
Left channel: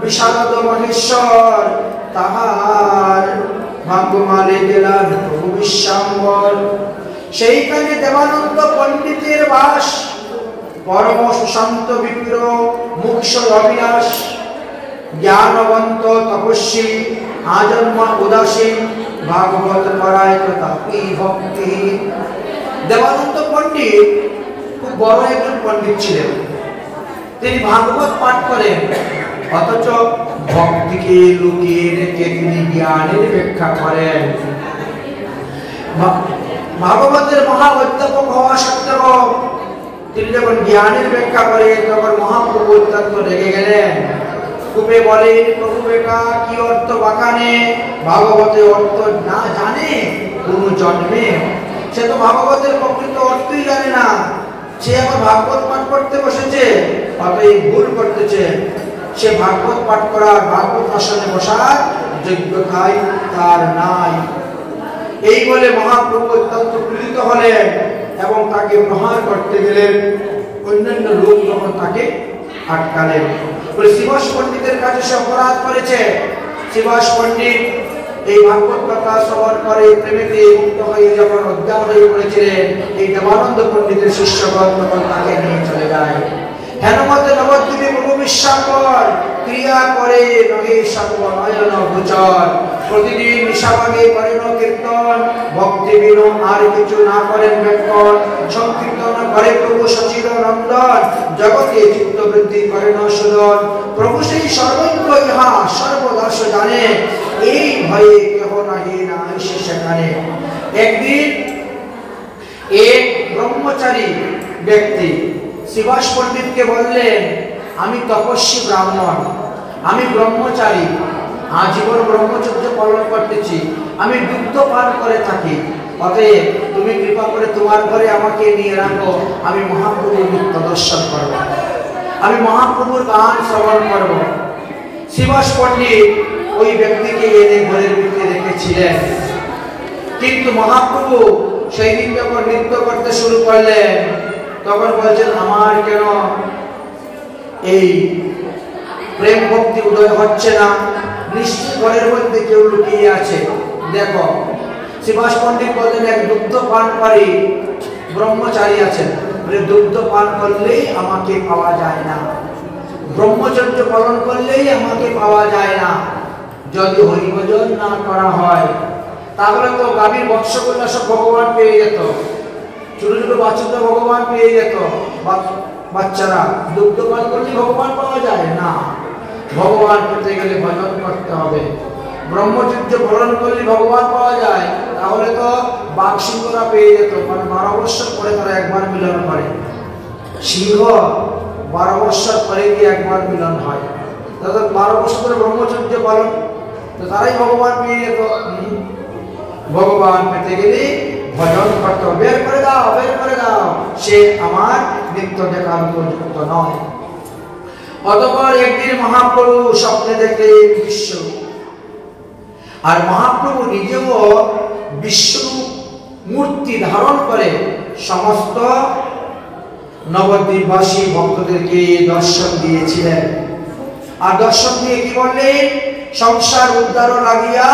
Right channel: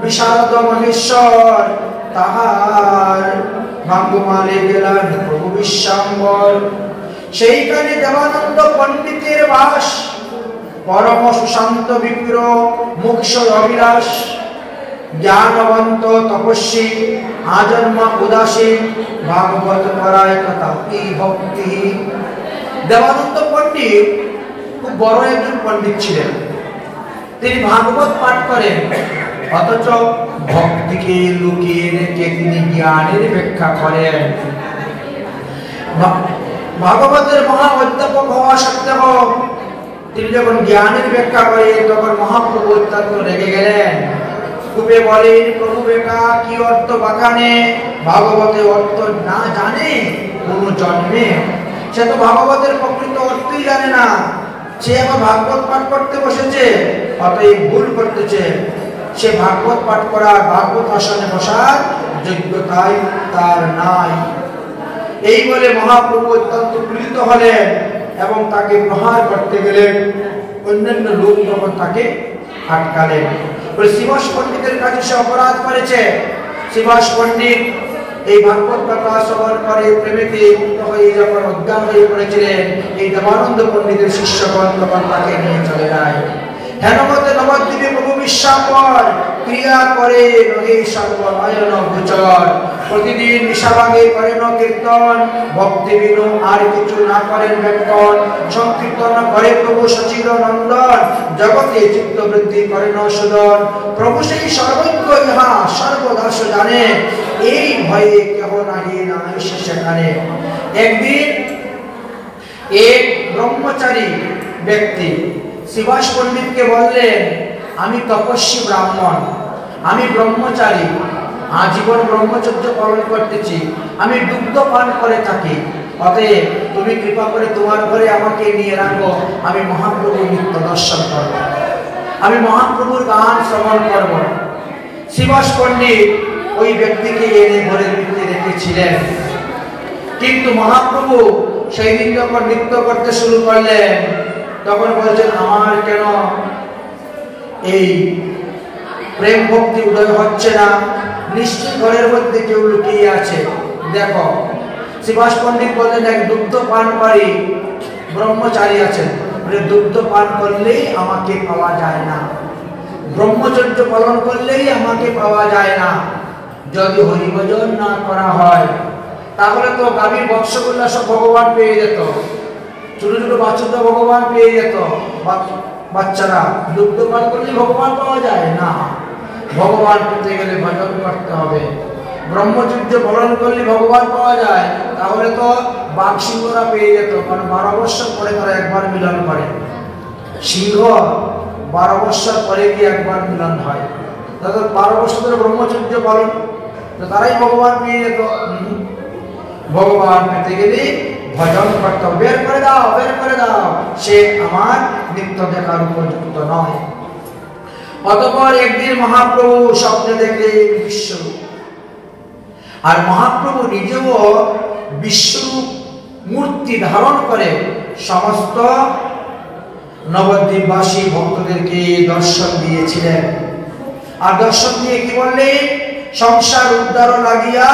বিশারদ মহেশ্বর, তাহার ভাগ্যমালে গেলেন প্রভু বিশ্বাম্বর। সেইখানে দেবানন্দ পণ্ডিতের বাস, পরম সুশান্ত বিপ্র মুখ্য অভিলাষ, জ্ঞানবন্ত তপস্বী আজন্মা উদাসীন, ভাগবত পরায়ণ তাপি ভক্তি। দেবানন্দ পণ্ডিত খুব বড় একজন পণ্ডিত ছিলেন। তিনি ভাগবত পাঠ করেন, অথচ ভক্তিকে লুকিয়ে রেখে তিনি জ্ঞানের ব্যাখ্যা করেন। ভাগবতের মহা অধ্যাপক হওয়া সত্ত্বেও তিনি যখন জ্ঞানের ব্যাখ্যা করেন তখন মহাপ্রভু অত্যন্ত রেগে গেলেন। কূপে বলেন, প্রভু বেকা কি অর্থ বাখানে, ভাগবতের অর্থ না জানে কোন জন্মে। সে তো ভাগবতের প্রকৃত অর্থই জানে না, সে আবার ভাগবত পাঠ করতে বসেছে, অতএব ভুল করতেছে। সে ভাগবত পাঠ করার, ভাগবত আসনে বসার যোগ্যতাই তার নাই। এই বলে মহাপ্রভু অত্যন্ত পীড়িত হলেন এবং তাকে প্রহার করতে গেলেন। অন্যান্য লোক যখন তাকে আটকালেন, শিবাস পণ্ডিতের কাছে সে অপরাধ করেছে। শিবাস পণ্ডিত এই ভাগবত কথা শ্রবণ করে প্রেমেতে হয়ে যখন অজ্ঞান হয়ে পড়েছিলেন, এই দেবানন্দ পণ্ডিতের শিষ্যগণ তখন তাকে নিয়ে চলে যায়। হেনমতে নবদ্বীপে প্রভু বিশ্বাম্বর ক্রিয়া করে নহে সর্বনয়ন গোচর। প্রতিদিন নিশাভাগে করেন কীর্তন, ভক্তি বিনু আর কিছু না করেন ব্যাকরণ। সংকীর্তন করে প্রভু সচির নন্দন, জগতে চিত্ত বৃদ্ধি করেন সুদন। প্রভু সেই সর্বজ্ঞ ইহা সর্বদাস জানে, এই ভয়ে কেহ নাহি না এসে সেখানে। একদিন এক ব্রহ্মচারী ব্যক্তি শিবাস পণ্ডিতকে বললেন, আমি তপস্বী ব্রাহ্মণ, আমি ব্রহ্মচারী, আজীবন ব্রহ্মচর্য পালন করতেছি, আমি দুগ্ধ পান করে থাকি, অতএব তুমি কৃপা করে তোমার ঘরে আমাকে নিয়ে রাখো, আমি মহাপ্রভুর নিত্য দর্শন করব, আমি মহাপ্রভুর গান শ্রবণ করব। শিবাস পণ্ডিত ওই ব্যক্তিকে এনে ঘরের ভিতরে রেখেছিলেন, কিন্তু মহাপ্রভু সেই দিন যখন নৃত্য করতে শুরু করলেন তখন বলছেন, আমার কেন এই প্রেম ভক্তি উদয় হচ্ছে না? নিশ্চয় ঘরের মধ্যে কেউ লুকিয়ে আছে, দেখো। শিবাস পণ্ডিত বললেন, এক দুগ্ধ পানকারী ব্রহ্মচারী আছেন, দুগ্ধ পান করলেই আমাকে পাওয়া যায় না, ব্রহ্মচর্য পালন করলেই আমাকে পাওয়া যায় না। যদি হরিভজন না করা হয় তাহলে তো গাভীর বৎসগুলো সব ভগবান পেয়ে যেত, ছোট ছোট বাচ্চারা ভগবান পেয়ে যেত। বাচ্চারা দুগ্ধ পান করলে ভগবান পাওয়া যায় না, ভগবান পেতে গেলে ভজন করতে হবে। ব্রহ্মচর্য পালন করলে ভগবান পাওয়া যায়, তাহলে তো বাঘ সিংহরা পেয়ে যেত, কারণ 12 বৎসর পরে তারা একবার মিলন করে। সিংহ 12 বৎসর পরে গিয়ে একবার মিলন হয়, তাদের 12 বৎসর ধরে ব্রহ্মচর্য পালন, তো তারাই ভগবান পেয়ে যেত। ভগবান পেতে গেলে ভজন করতে হবে। বের করে দাও, বের করে দাও, সে আমার নিত্য দেখার উপযুক্ত নয়। অতঃপর একদিন মহাপ্রভু স্বপ্নে দেখলেন বিশ্বরূপ, আর মহাপ্রভু নিজেও বিশ্বরূপ মূর্তি ধারণ করে সমস্ত নবদ্বীপবাসী ভক্তদেরকে দর্শন দিয়েছিলেন। আর দর্শন দিয়ে কি বললেন? সংসার উদ্ধার লাগিয়া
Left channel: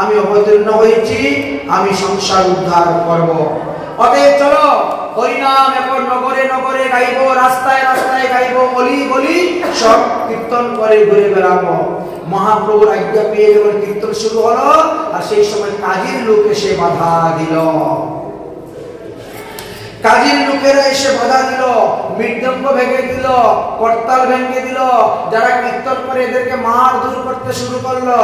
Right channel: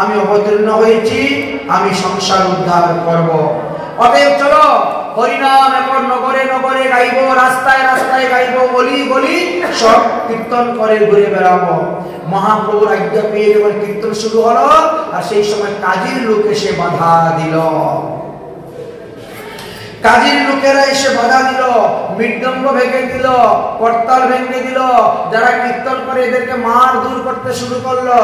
আমি অবতীর্ণ হয়েছি, আমি সংসার উদ্ধার করব। অতএব চলো হরিনাম এখন নগরে নগরে গাইব, রাস্তায় রাস্তায় গাইব, গলি গলি সব কীর্তন করে ঘুরে বেড়াবো। মহাপ্রভুর আজ্ঞা পেয়ে যখন কীর্তন শুরু হলো, আর সেই সময় কাজীর লোক এসে বাধা দিল। কাজীর লোকেরা এসে বাধা দিল, মৃদঙ্গ ভেঙে দিল, করতাল ভেঙে দিল, যারা কীর্তন করে এদেরকে মার দূর করতে শুরু করলো।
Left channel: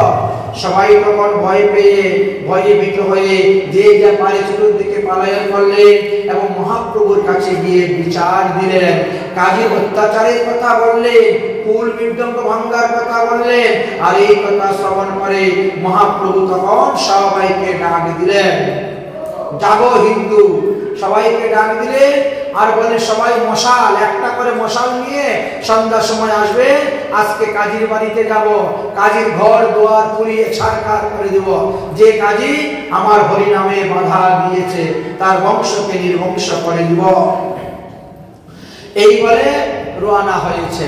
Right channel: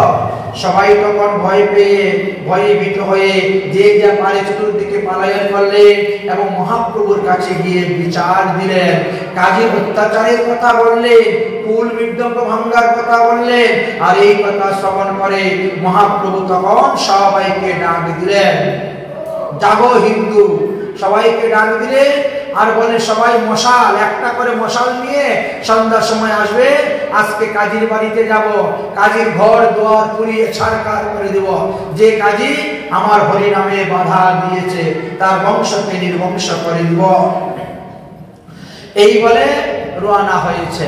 সবাই তখন ভয় পেয়ে ভয়ে ভীত হয়ে যে যা পারে চতুর্দিকে পলায়ন করলেন এবং মহাপ্রভুর কাছে গিয়ে বিচার দিলেন। কাজীর অত্যাচারের কথা বললেন, কুল মৃদঙ্গ ভাঙ্গার কথা বললেন। আর এই কথা শ্রবণ করে মহাপ্রভু তখন সবাইকে ডাক দিলেন, জাগো হিন্দু, সবাইকে ডাক দিলে আর বলে সবাই মশাল, একটা করে মশাল নিয়ে সন্ধ্যার সময় আসবে, আজকে কাজীর বাড়িতে যাব, কাজীর ঘর দুয়ার পুড়িয়ে ছাড়খাড় করে দেব। যে কাজী আমার হরিনামে বাধা দিয়েছে তার বংশকে নির্বংশ করে দিব। এই বলে রওনা হয়েছে।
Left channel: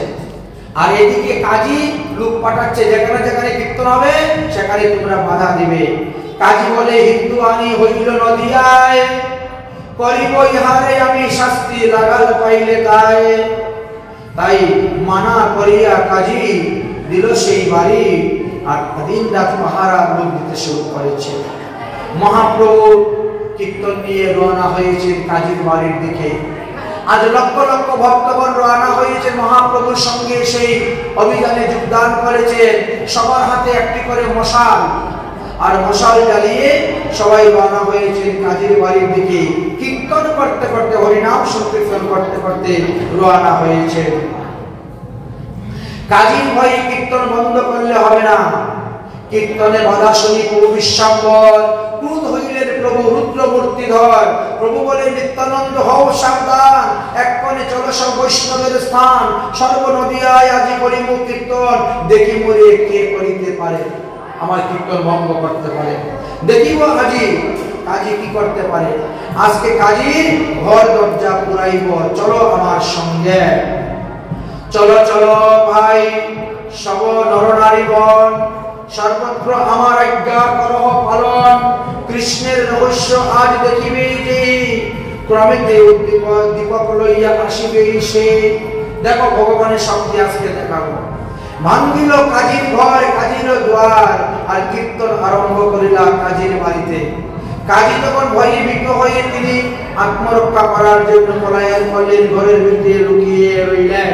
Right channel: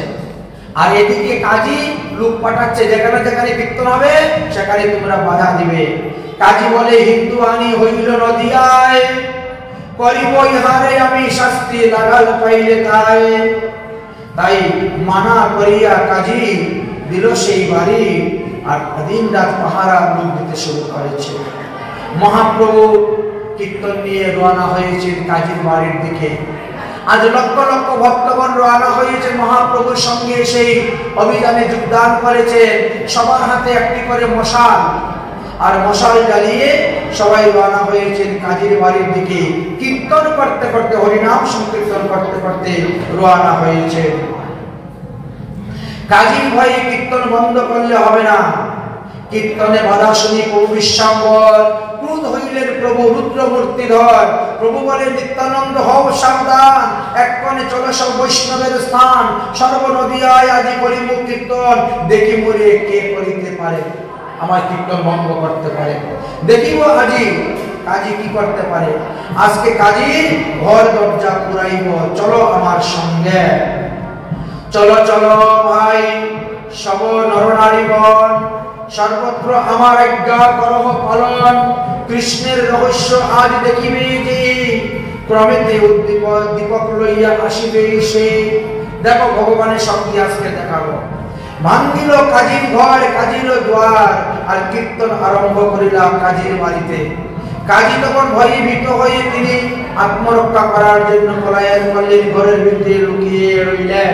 আর এদিকে কাজী লোক পাঠাচ্ছে, যেখানে যেখানে কীর্তন হবে সেখানে তোমরা বাধা দিবে। কাজী বলে, হিন্দু আনি হইল নদিয়ায়, করিব ইহারে আমি শাস্তি, লাগাল পাইলে তাই। তাই মানা করিয়া কাজী দিল সেই বাড়ি, আর দিন রাত পাহারা লোক দিতে শুরু করেছে। মহাপ্রভু কীর্তন নিয়ে রওনা হয়েছে কাজীর বাড়ির দিকে। আজ লক্ষ লক্ষ ভক্তগণ রওনা হয়েছে মহাপ্রভুর সঙ্গে, সেই অভিযানে যোগদান করেছে। সবার হাতে একটি করে মশাল, আর মশাল জ্বালিয়ে সবাই রওনা হয়েছেন কাজীর বাড়ির দিকে। কীর্তন করতে করতে, হরিনাম সংকীর্তন করতে করতে রওনা হয়েছে। কাজীর ভয়ে কীর্তন বন্ধ করলে হবে না। কীর্তনে বাধা শুনি প্রভু বিশ্বম্বর ক্রোধ হইলেন প্রভু রুদ্র মূর্তিধর। প্রভু বলে, নিত্যানন্দ হও সাবধান, এক্ষণে চলো সব বৈষ্ণবের স্থান। সর্ব নদিয়ায় আজি করিব কীর্তন, দেখি মরে কে করিতে পারে, আমার কীর্তন ভঙ্গ করতে পারে। দেখিব আজি কাজী কি করতে পারে। আজকে কাজী ঘর দরজা পুরাইব, চলো আমার সঙ্গে। চলো চলো ভাই সব নরনারীগণ, সর্বত্র আমার আজ্ঞা করহ পালন। কৃষ্ণের রহস্য আজ দেখিবে যে, ক্রমেতে উদ্দীপক দীপক লইয়া আসিবে সে। দেখো ভগবানের শক্তি আজকে দেখাবো। ভাঙ্গিল কাজীর ঘর, কাজীর দ্বার, আর কীর্তন আরম্ভ করিলা কাজীর বাড়িতে। কাজী তখন ভয়ে ভীত হয়ে তিনি আত্মরক্ষা করার জন্য পলায়ন করলেন, ঘরের ভিতরে লুকিয়ে রইলেন।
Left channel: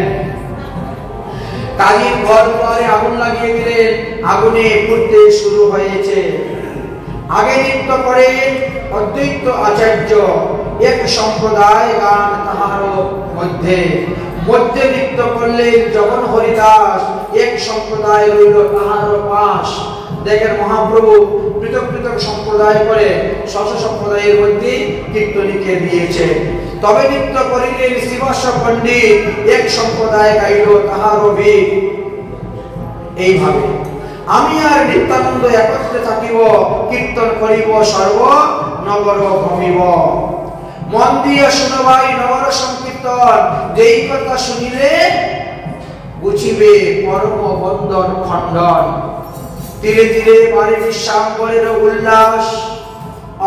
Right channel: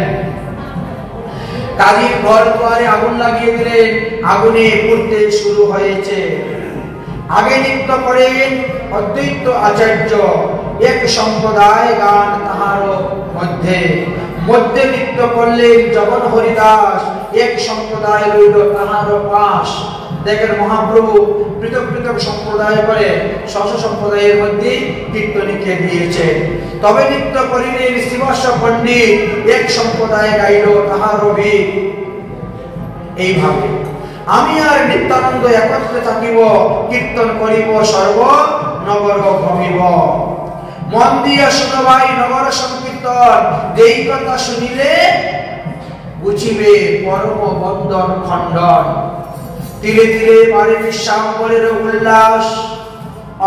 কাজীর ঘর দুয়ারে আগুন লাগিয়ে দিলেন, আগুনে পুড়তে শুরু হয়েছে। আগে নৃত্য করেন অদ্বৈত আচার্য, এক সম্প্রদায় গান তাহার মধ্যে। মধ্যে নৃত্য করলেন জগন হরিদাস, এক সম্প্রদায় রইল তাহার পাশ। দেখেন মহাপ্রভু পৃথক পৃথক সম্প্রদায় করে স্ব সম্প্রদায়ের মধ্যে কীর্তনীকে দিয়েছে। তবে নৃত্য করিলেন শিবস্ব পণ্ডিত, এক সম্প্রদায় গাইল তাহার অভিক। এইভাবে আমি আর নিত্যানন্দ একত্রে থাকিব, কীর্তন করিব সর্ব নগর ভ্রমিব। মন দিয়ে শুনো ভাই নগর সংকীর্তন, যেই কথা শুনিলে বুঝিবে পরম বন্ধন খণ্ডন। ধীরে ধীরে বাড়ে বিশ্বাম্বরের উল্লাস,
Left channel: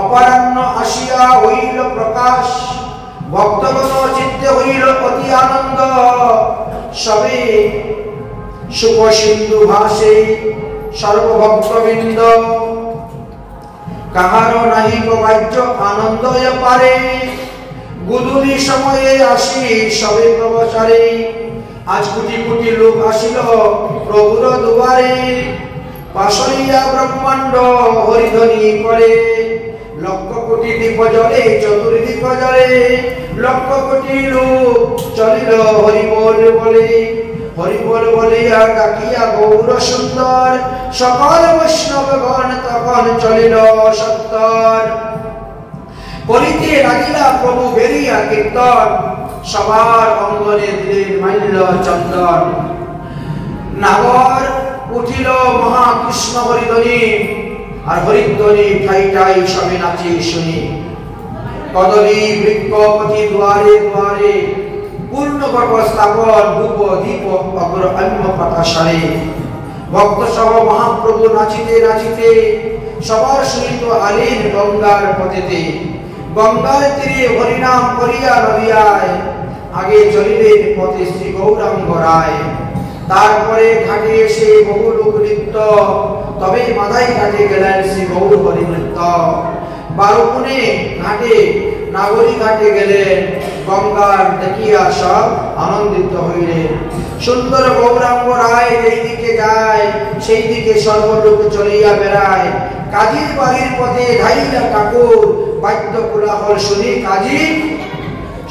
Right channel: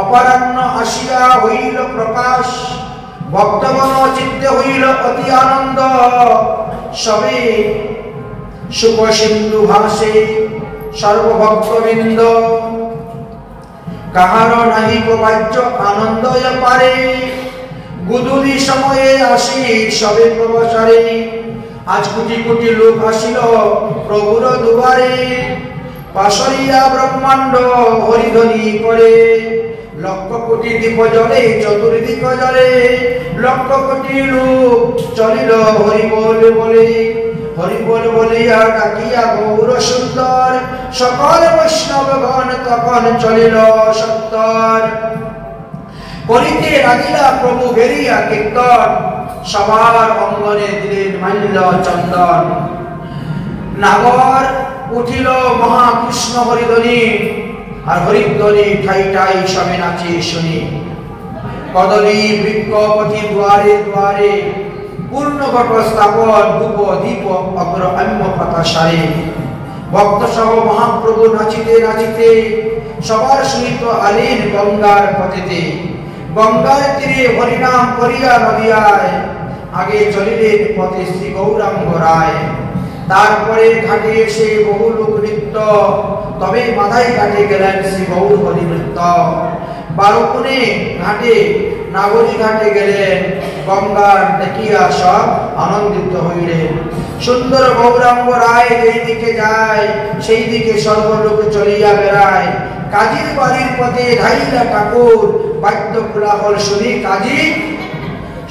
অপরাহ্ন আসিয়া হইল প্রকাশ। ভক্তগণ চিত্তে হইল অতি আনন্দ, সবে সুখ সিন্ধু ভাসে সর্বভক্তবৃন্দ। কাহার নাহি বাহ্য আনন্দয় পারে, গুদুলি সময়ে আসি সবে প্রবচারে। আজ কোটি কোটি লোক আসিল প্রভুর দুয়ারে, পাশরিয়া ব্রহ্মাণ্ড হরিধ্বনি করে। লক্ষ কোটি দীপ জলে চতুর্দিক জলে, লক্ষ কোটি লোক চলিল হরি বল বলে। হরি বল বলিয়া ডাকিয়া গৌর সুন্দর, সকল বৈষ্ণবগণ তখন চলিল সত্তর। করিতে লাগিলা প্রভু বেরিয়া কীর্তন, সবার অঙ্গনে দিলেন মাল্য চন্দন। নাগর উঠিল মহাকৃষ্ণ হরিধ্বনি, আর হরিধ্বনি ঠাই ঠাই সবে নাচে শুনি। কদলী বৃক্ষপতি দুয়ারে দুয়ারে, পূর্ণ ঘট স্থাপন ধূপ দীপ অগ্র অন্য পাতা সারে। ভক্ত সহ মহাপ্রভু নাচিতে নাচিতে, সবার সহিত আলেন গঙ্গার পথেতে। গঙ্গার তীরে হরিনাম করিয়া নদিয়ায়, আগে চলিলেন পথে শ্রী গৌরাঙ্গ রায়। তারপরে ঘাটে এসে বহু লোক নৃত্য, তবে মাথায় ঘাটে গেলেন শ্রী গৌর হরি নৃত্য। বারোকুনে ঘাটে নাগরী ঘাটে গেলেন, গঙ্গার দেখিয়া সব আনন্দিত হইলেন। সুন্দর গৌরাঙ্গ রায় যেই দিকে যায়, সেই দিকে সর্বলোক চলিয়া বেড়ায়। কাজীর বাড়ির পথে ঢাইলা ঠাকুর, বাদ্য কোলাহল শুনি কাজী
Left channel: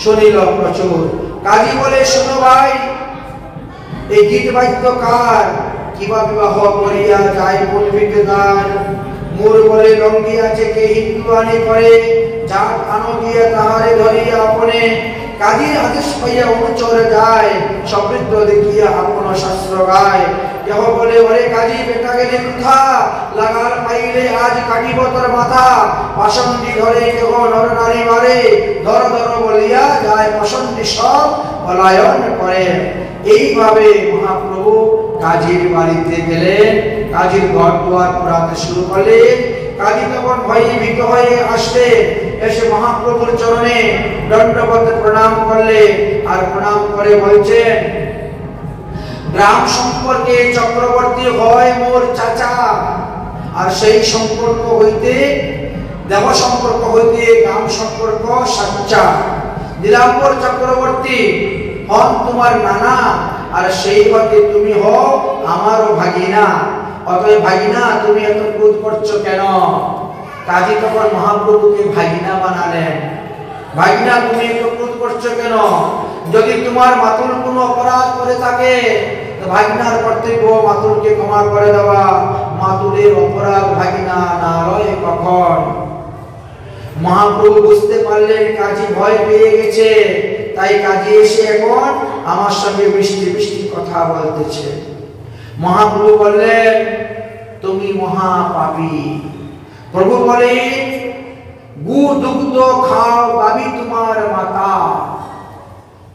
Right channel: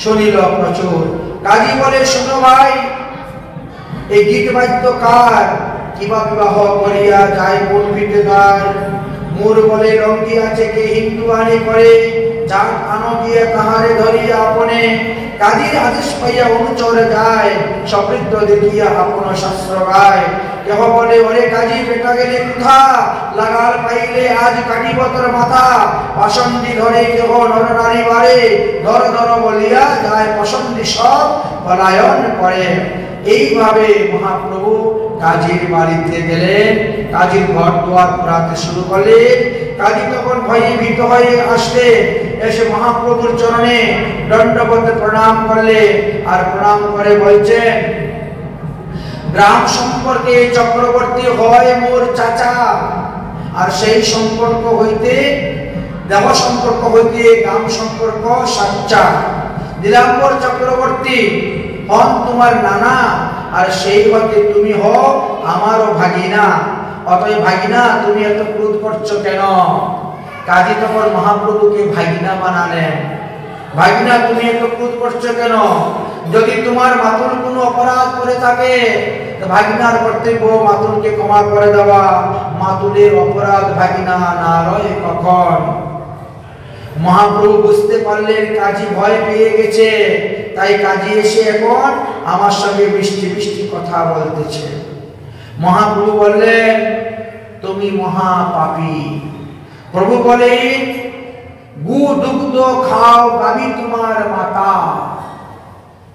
শুনিল প্রচুর। কাজী বলে, শোনো ভাই, এই গীত বাদ্য কার? কিবা বিবাহ করিয়া যায় কোন বিদ্যার? মোর বলে লঙ্গি আছে কে হিন্দু আনি করে, জাত আনো গিয়া তাহারে ধরিয়া আপনে। কাজীর আদেশ পাইয়া অনুচর যায়, সমৃদ্ধ দেখিয়া আপন শাস্ত্র গায়। কেহ বলে, ওরে কাজী বেটা গেলে বৃথা, লাগাল পাইলে আজ কাটিব তোর মাথা। পাষণ্ডী ধরে কেহ নর নারী মারে, ধর ধর বলিয়া যায় পছন্দি সব পলায়ন করে। এইভাবে মহাপ্রভু কাজীর বাড়িতে গেলেন, কাজীর ঘর দুয়ার পুরাতে শুরু করলেন। কাজী তখন ভয়ে ভীত হয়ে আসলেন, এসে মহাপ্রভুর চরণে দণ্ডবত প্রণাম করলেন। আর প্রণাম করে বলছেন, গ্রাম সম্পর্কে চক্রবর্তী হয় মোর চাচা, আর সেই সম্পর্ক হইতে দেব সম্পর্ক হইতে গ্রাম সম্পর্ক সাচ্চা। নীলাম্বর চক্রবর্তী হন তোমার নানা, আর সেই হতে তুমি হও আমারও ভাগিনা। অতএব ভাগিনা, তুমি এত ক্রোধ করছো কেন? কাজী তখন মহাপ্রভুকে ভাগিনা বানালেন। ভাগিনা, তুমি এত ক্রোধ করছো কেন? যদি তোমার মাতুল কোনো অপরাধ করে থাকে, তো ভাগিনার কর্তব্য মাতুলকে ক্ষমা করে দেওয়া। মাতুলের অপরাধ ভাগিনা না লয় কখন। মহাপ্রভু বুঝতে পারলেন কাজী ভয় পেয়ে গেছে, তাই কাজী এসে এখন আমার সঙ্গে মিষ্টি মিষ্টি কথা বলতেছে। মহাপ্রভু বললেন, তুমি মহা পাপী। প্রভু বলে, গু দুগ্ধ খাও গাবি তোমার মাতা।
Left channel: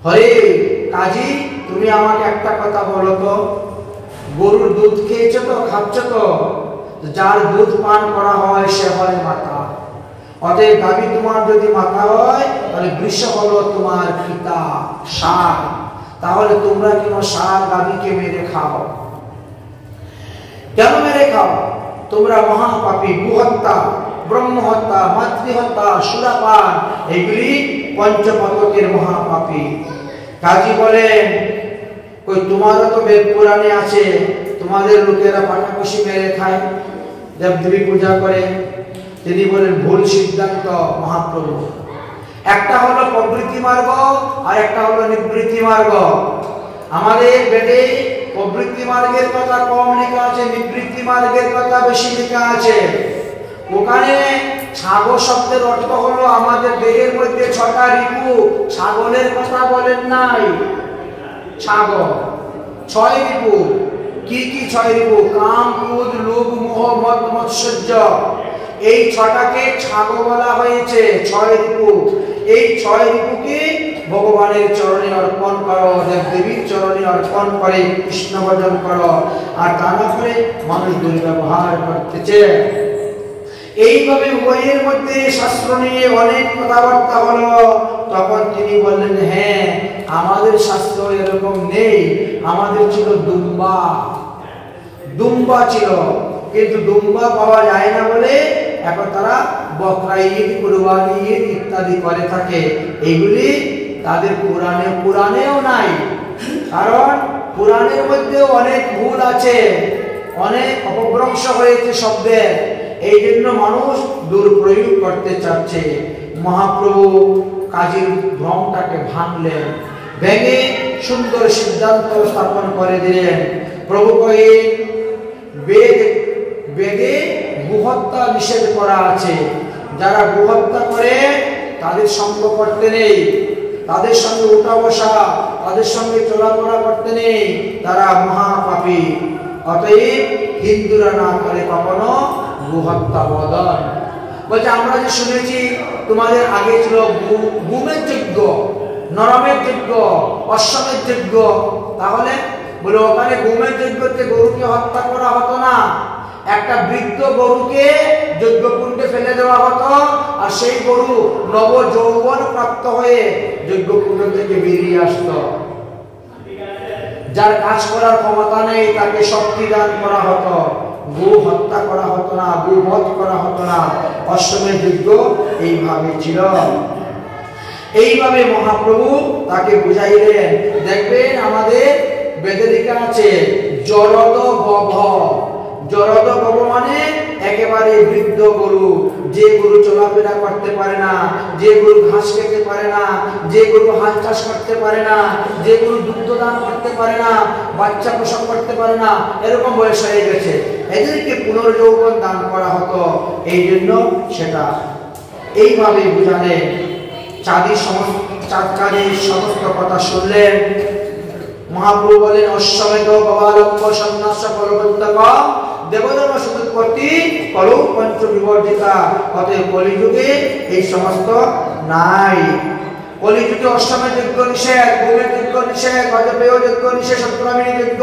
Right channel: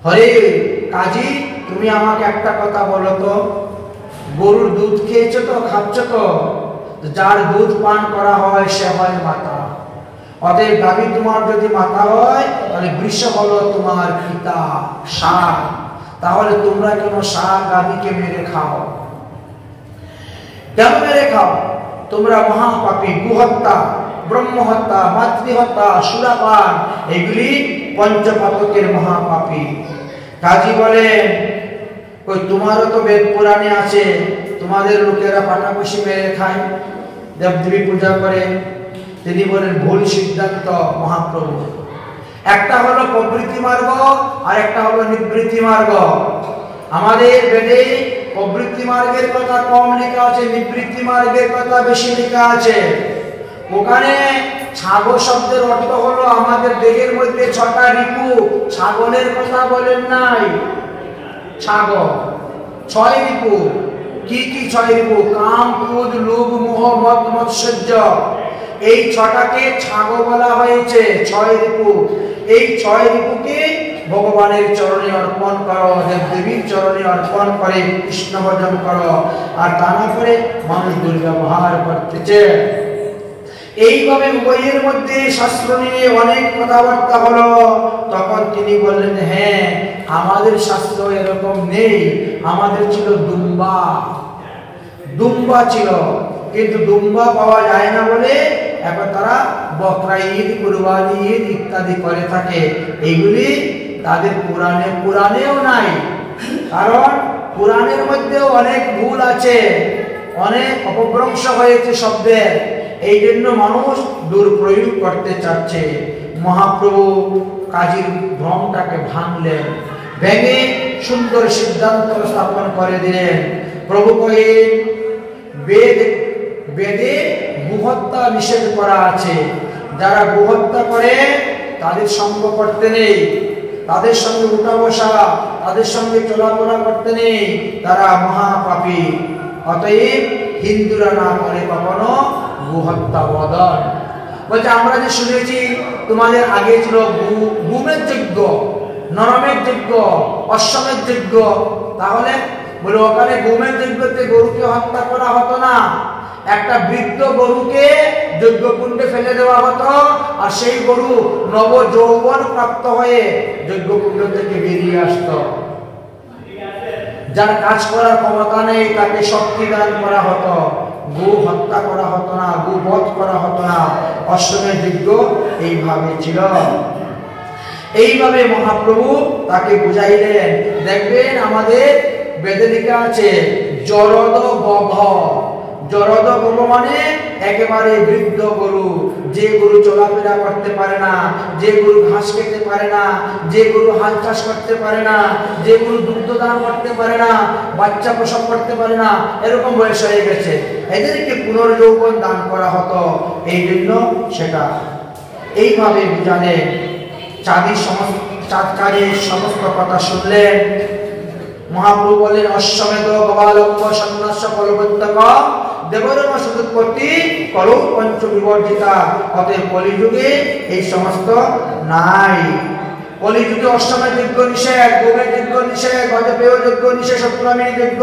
হরে কাজী, তুমি আমাকে একটা কথা বলো তো, গরুর দুধ খেয়েছো তো, খাচ্ছ তো? যার দুধ পান করা হয় সে হয় মাতা। অতএব গাভী তোমার যদি মাতা হয়, তাহলে বৃষ হলো তোমার পিতা, ষাঁড়। তাহলে তোমরা কেন ষাঁড় গাভীকে মেরে খাও? কেন মেরে খাও? তোমরা মহাপাপী। গুহত্যা, ব্রহ্মহত্যা, মাতৃহত্যা, সুরাপান, এগুলি পঞ্চপাতকের মহাপাপী। কাজী বলেন, ওই তোমারও তো বেদ পুরাণে আছে, তোমাদের লোকেরা পাটাকশি মেরে খায়, দেবদেবী পূজা করে। তিনি বলেন, ভুল সিদ্ধান্ত মহাপ্রভু। একটা হলো প্রবৃত্তি মার্গ, আর একটা হলো নিবৃত্তি মার্গ। আমাদের বেদে প্রবৃত্তি মার্গের কথা কম লেখা আছে, নিবৃত্তি মার্গের কথা বেশি লেখা আছে। ওখানে ছাগল শব্দের অর্থ হলো আমাদের দেহের মধ্যে 6টা রিপু। ছাগলের কথা বলেন নাই, ছাগল 6 রিপু। কি কি 6 রিপু? কাম, ক্রোধ, লোভ, মোহ, মদ, মৎসর্য। এই 6টাকে ছাগল বলা হয়েছে, 6 রিপু। এই 6 রিপুকে ভগবানের চরণে অর্পণ করো, দেবদেবীর চরণে অর্পণ করে কৃষ্ণ ভজন করো। আর তা না করে মানুষ দুর্ব্যবহার করতেছে। এইভাবে উভয়ের মধ্যে শাস্ত্র নিয়ে অনেক কথাবার্তা হলো। তখন তিনি বললেন, হ্যাঁ, আমাদের শাস্ত্র এরকম নেই, আমাদের ছিল দুম্বা। দুম্বা ছিল, কিন্তু দুম্বা পাওয়া যায় না বলে এখন তারা বকরা ঈদ, কুরবানি ঈদ ইত্যাদি করে থাকে। এইগুলি তাদের পুরাণেও নাই, কারণ পুরাণের মধ্যেও অনেক ভুল আছে, অনেক অপভ্রংশ হয়েছে শব্দের। এই জন্য মানুষ দুর্প্রয়োগ করতে চাচ্ছে। মহাপ্রভু কাজীর ভ্রমটাকে ভাঙলেন, ভেঙে সুন্দর সিদ্ধান্ত স্থাপন করে দিলেন। প্রভু কয়ে বেদে গোহত্যা নিষেধ করা আছে, যারা গোহত্যা করে তাদের সঙ্গ করতে নেই, তাদের সঙ্গে উঠা বসা, তাদের সঙ্গে চলাফেরা করতে নেই, তারা মহাপাপী। অতএব হিন্দুরা না করে কখনো গোহত্যা বদন। বলছে আমরা যে শুনেছি তোমাদের আগে ছিল গুমের যজ্ঞ, নরমের যজ্ঞ, অশ্বমের যজ্ঞ, তাহলে বলে ওখানে গুমের যজ্ঞতে গরুকে হত্যা করা হতো না, একটা বৃদ্ধ গরুকে যজ্ঞকুণ্ডে ফেলে দেওয়া হতো, আর সেই গরু নব যৌবন প্রাপ্ত হয়ে যজ্ঞকুণ্ড থেকে বেরিয়ে আসতো। যার কাজ করার ক্ষমতা নেই তাকে শক্তি দান করা হতো, গো হত্যা করা হতো না, গো বধ করা হতো না। অশ্বমের যজ্ঞ এইভাবে ছিল। এইভাবে মহাপ্রভু তাকে বুঝাইলেন। দেখবেন আমাদের বেদে লেখা আছে জরদ গভ। জরদ গভ মানে একেবারে বৃদ্ধ গরু, যে গরু চলাফেরা করতে পারে না, যে গরু ঘাস খেতে পারে না, যে গরু হাল চাষ করতে পারে না, যে গরু দুগ্ধ দান করতে পারে না, বাচ্চা প্রসব করতে পারে না, এরকম বয়স হয়ে গেছে, এদেরকে পুনর্যৌবন দান করা হতো। এই জন্য সেটা এইভাবে বুঝালেন। চাঁদের সমস্ত কথা শুনলেন। মহাপ্রভু বলেন অশ্বমেধ গবালম্ব সন্ন্যাস কলবন্তক দেবরম সদুৎপত্তি কলৌ পঞ্চ বিবর্জিতা। অতএব কলিযুগে এই সমস্ত নাই। কলিযুগে অষ্টমের যজ্ঞ নিষেধ, গোমের যজ্ঞ নিষেধ, গজপেয় যজ্ঞ নিষেধ, সপ্তমীর যজ্ঞ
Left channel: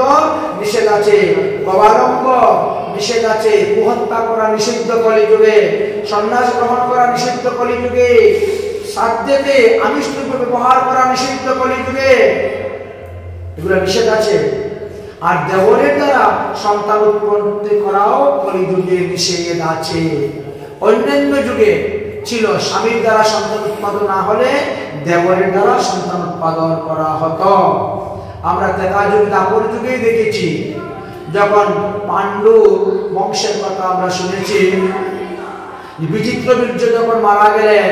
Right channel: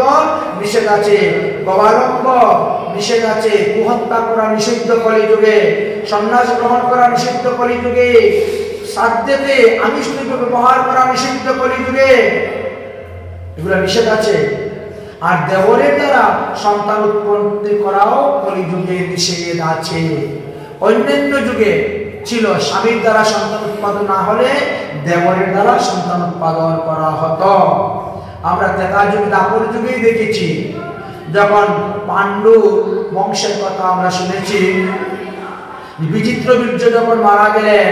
নিষেধ আছে, গবালম্ব নিষেধ আছে, কুহত্যা করা নিষিদ্ধ কলিযুগে, সন্ন্যাস গ্রহণ করা নিষিদ্ধ কলিযুগে, সাধ্যতে আমিষ দ্রব্য ব্যবহার করা নিষিদ্ধ কলিযুগে, এগুলো নিষেধ আছে। আর দেবরের দ্বারা সন্তান উৎপত্তি করাও কলিযুগে নিষেধ আছে। অন্যান্য যুগে ছিল স্বামীর দ্বারা সন্তান উৎপাদন না হলে দেবরের দ্বারা সন্তান উৎপাদন করা হতো। আমরা ত্রেতা যুগ দাপর যুগেই দেখেছি, যখন পাণ্ডু বংশের কথা আমরা শুনেছি, বিচিত্রবীর্য যখন মারা গেলেন,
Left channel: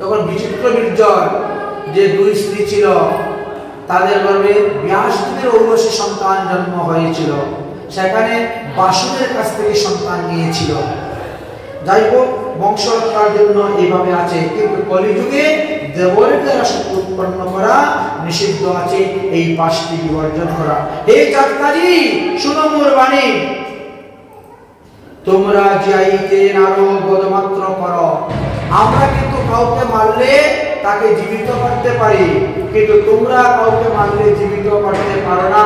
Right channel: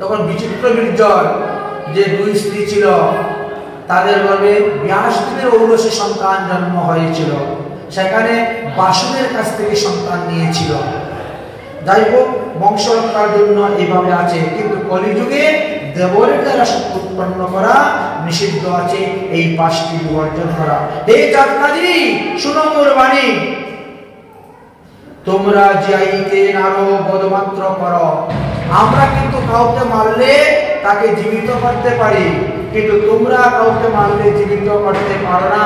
তখন বিচিত্রবীর্যর যে দুই স্ত্রী ছিল তাদের গর্ভে ব্যাসদেবের ঔরসে সন্তান জন্ম হয়েছিল, সেখানে বাসুদের কাছ থেকে সন্তান নিয়েছিল। যাই হোক, বংশ হত্যার জন্য এইভাবে আছে, কিন্তু কলিযুগে দেবরের দ্বারা উৎপন্ন করা নিষিদ্ধ আছে, এই পাঁচটি বিবর্জন করা। হে চাঁদকাজি, শুনো মোর বাণী, তোমরা যাইতে নারো বদমাত্র করো। আমরা কিন্তু কাউকে মারলে তাকে জীবিত করতে পারি, কিন্তু তোমরা কাউকে মারলে জীবিত করতে পারো না।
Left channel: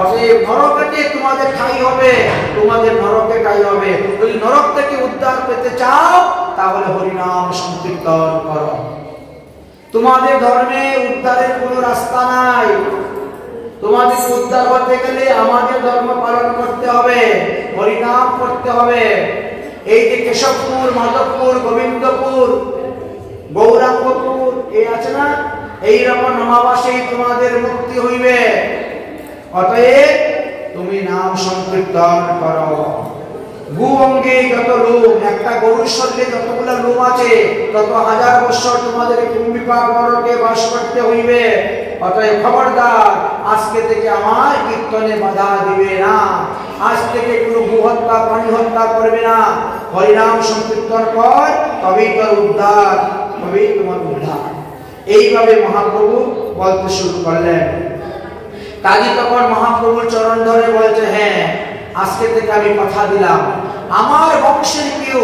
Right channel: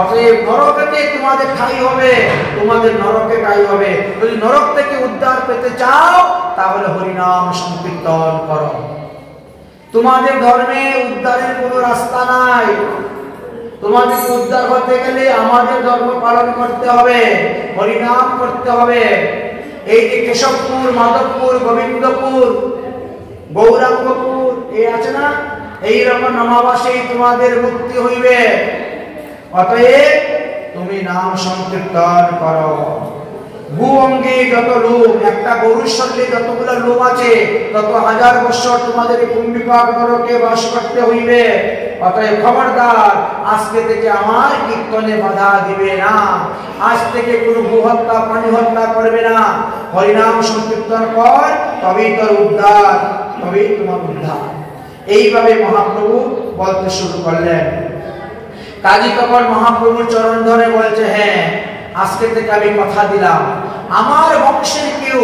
অতএব নরকে তোমাদের ঠাই হবে, তোমাদের নরকে ঠাই হবে। যদি নরক থেকে উদ্ধার পেতে চাও তাহলে হরিনাম সংকীর্তন করো। তোমাদের ধর্মে উদ্ধারের কোনো রাস্তা নাই। তোমাদের উদ্ধার হতে গেলে আমাদের ধর্ম পালন করতে হবে, হরিনাম করতে হবে। এই যে কেশবপুর, মাধবপুর, গোবিন্দপুর, গৌরাঙ্গপুর এই আছে না, এইরকম নামাবাসেই তোমাদের মুক্তি হইবে। অতএব তুমি নাম সংকীর্তন করো। গু অঙ্গে যত লোম, একটা গরুর শরীরে যতগুলো লোম আছে তত হাজার বছর তোমাদের কুম্ভিপাক নরকে বাস করতে হইবে। অতএব খবরদার, আজকে থেকে আমার কীর্তনে বাধা দিবে না, আজ থেকে কোনো গো হত্যা, প্রাণী হত্যা করবে না। হরিনাম সংকীর্তন কর, তবেই তোর উদ্ধার, তবেই তোমার উদ্ধার। এইভাবে মহাপ্রভু বলতে শুরু করলেন। কাজী তখন মহাপ্রভুর চরণ ধরে বলছে, হ্যাঁ, আজকে থেকে আমি কথা দিলাম, আমার বংশের কেউ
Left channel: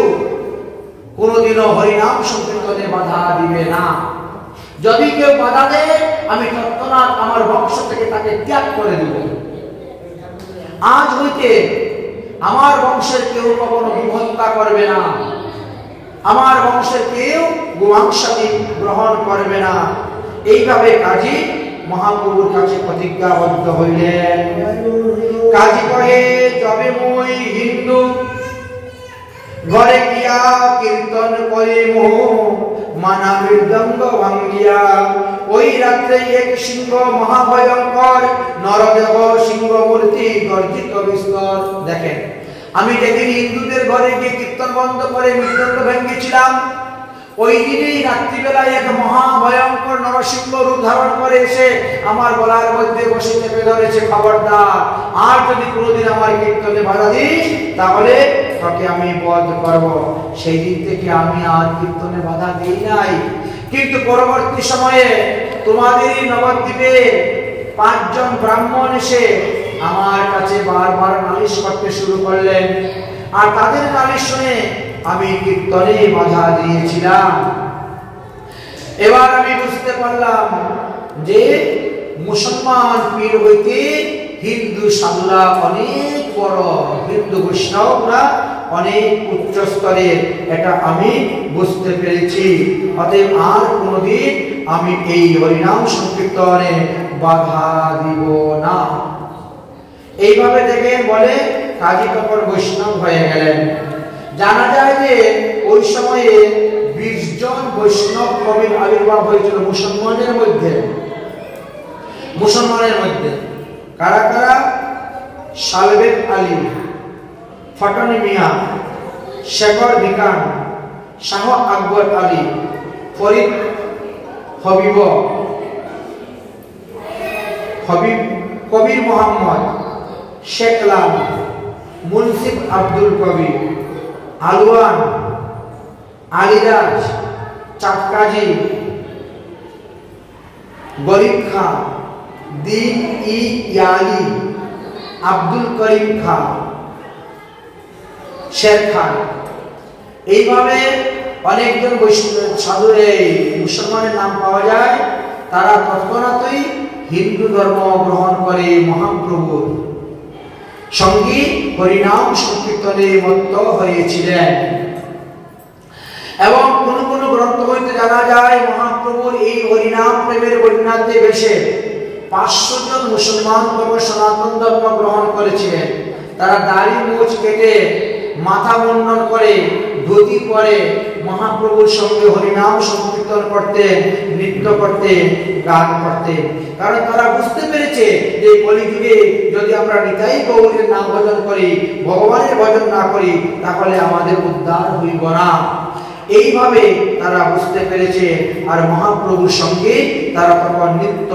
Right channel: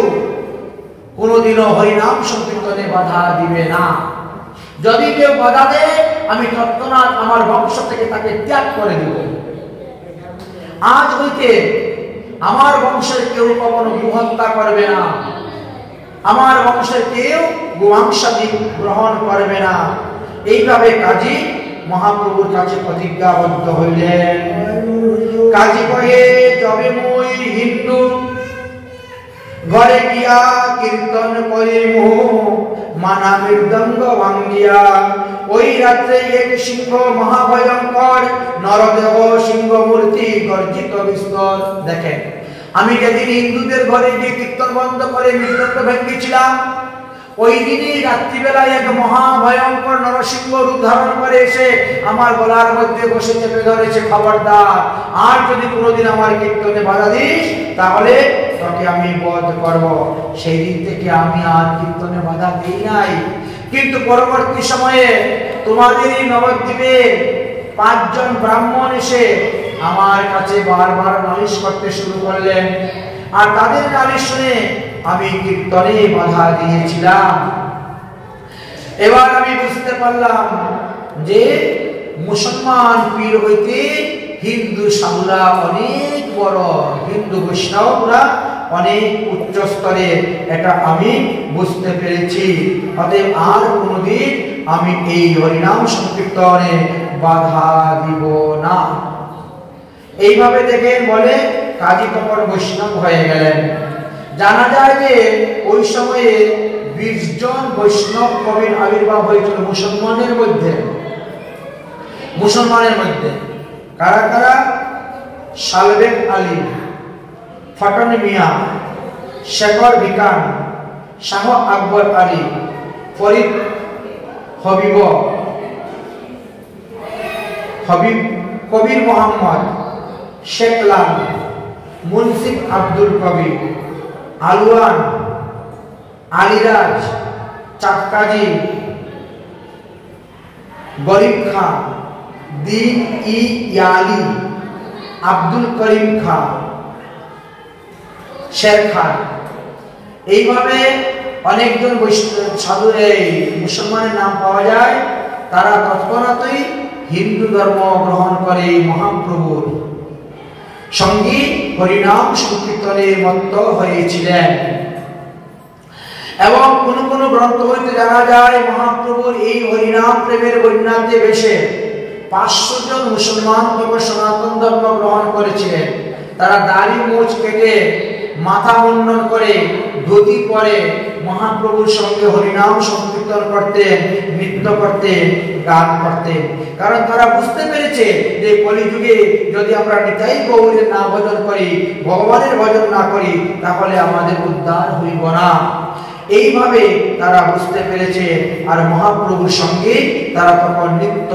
কোনোদিনও হরিনাম সংকীর্তনে বাধা দিবে না। যদি কেউ বাধা দেয় আমি তৎক্ষণাৎ আমার বংশ থেকে তাকে ত্যাগ করে দিব। আজ হইতে আমার বংশের কেউ কখনো গো হত্যা করবে না, আমার বংশের কেউ গোমাংসাদি গ্রহণ করবে না। এইভাবে কাজী মহাপ্রভুর কাছে প্রতিজ্ঞাবদ্ধ হইলেন। কাজী কহে, তবে মুই হিন্দু ঘরে গিয়া কীর্তন করিমু মানা মৃদঙ্গ ভাঙ্গিয়া। ওই রাত্রে এক সিংহ মহাভয়ঙ্কর নরদেহ সিংহ মূর্তি গর্জিত বিস্তর। দেখেন, আমি যেদিন হিন্দুদের ঘরে গিয়ে কীর্তন বন্ধ করে মৃদঙ্গ ভেঙ্গেছিলাম, ওই দিনই রাত্রিবেলায় এক মহাভয়ঙ্কর নরসিংহ রূপ ধারণ করে এসে আমার গলার মধ্যে বসে চেপে ধরেছে, খবরদার আর যদি কোনোদিন আমার কীর্তনে বাধা দিস তাহলে তোকে আমি বধ করব। সেই দিন থেকে আমি আর কীর্তনে বাধা দিই নাই। কিন্তু পরবর্তী সময়ে তোমাদেরই নবদ্বীপে 5 জন ব্রাহ্মণ এসে আমার কাছে বারবার নালিশ করতে শুরু করলেন, আর তাদের নালিশ শুনে আমি কীর্তনে বাধা দিয়েছিলাম। এবার আমি বুঝতে পারলাম যে মুসলমান পীর হইতে হিন্দু সাধুরা অনেক বড়, হিন্দু বৈষ্ণবরা অনেক উচ্চ স্তরের, এটা আমি বুঝতে পেরেছি। অতএব আর কোনোদিন আমি এই হরিনাম সংকীর্তনে বাধা দিব না। এইভাবে দেখে বলে কাজী তখন বৈষ্ণব হয়ে গেলেন। জানা যায় যে ওই সময়ে 20 জন বৈষ্ণব কবির আবির্ভাব হয়েছিল মুসলমানের মধ্যে। কারা কারা? সালবেগ আলী, ফটন মিয়া, শেখর ভিকান, শাহ আকবর আলী, ফরিদ হবিব, কবির মোহাম্মদ, শেখ লাল, মুন্সিফ আব্দুল কবির, আলওয়ান, আলিরাজ, চাটকাজি, গরিব খান, দীন ই ইয়ালি, আব্দুল করিম খান, শের খান। এইভাবে অনেকজন সাধু মুসলমানের নাম পাওয়া যায়। তারা তৎক্ষণাৎই হিন্দু ধর্ম গ্রহণ করে মহাপ্রভুর সঙ্গী হরিনাম সংকীর্তনে মত্ত হয়েছিলেন। এবং কোন কোন গ্রন্থ হইতে জানা যায় মহাপ্রভুর এই হরিনাম প্রেমের বন্যাতে ভেসে 500 জন মুসলমান তবে সনাতন ধর্ম গ্রহণ করেছিলেন। তারা দাড়ি মুছ কেটে মাথা মুন্ডন করে ধুতি পরে মহাপ্রভুর সঙ্গে হরিনাম সংকীর্তন করতেন, নৃত্য করতেন, গান করতেন। কারণ তারা বুঝতে পেরেছে যে কলিযুগে যদি আমরা নিতাই গৌরের নাম ভজন করি, ভগবানের ভজন না করি, তাহলে আমাদের উদ্ধার হইব না। এইভাবে তারা বুঝতে পেরেছে। আর মহাপ্রভুর সঙ্গে তারা তখন নৃত্য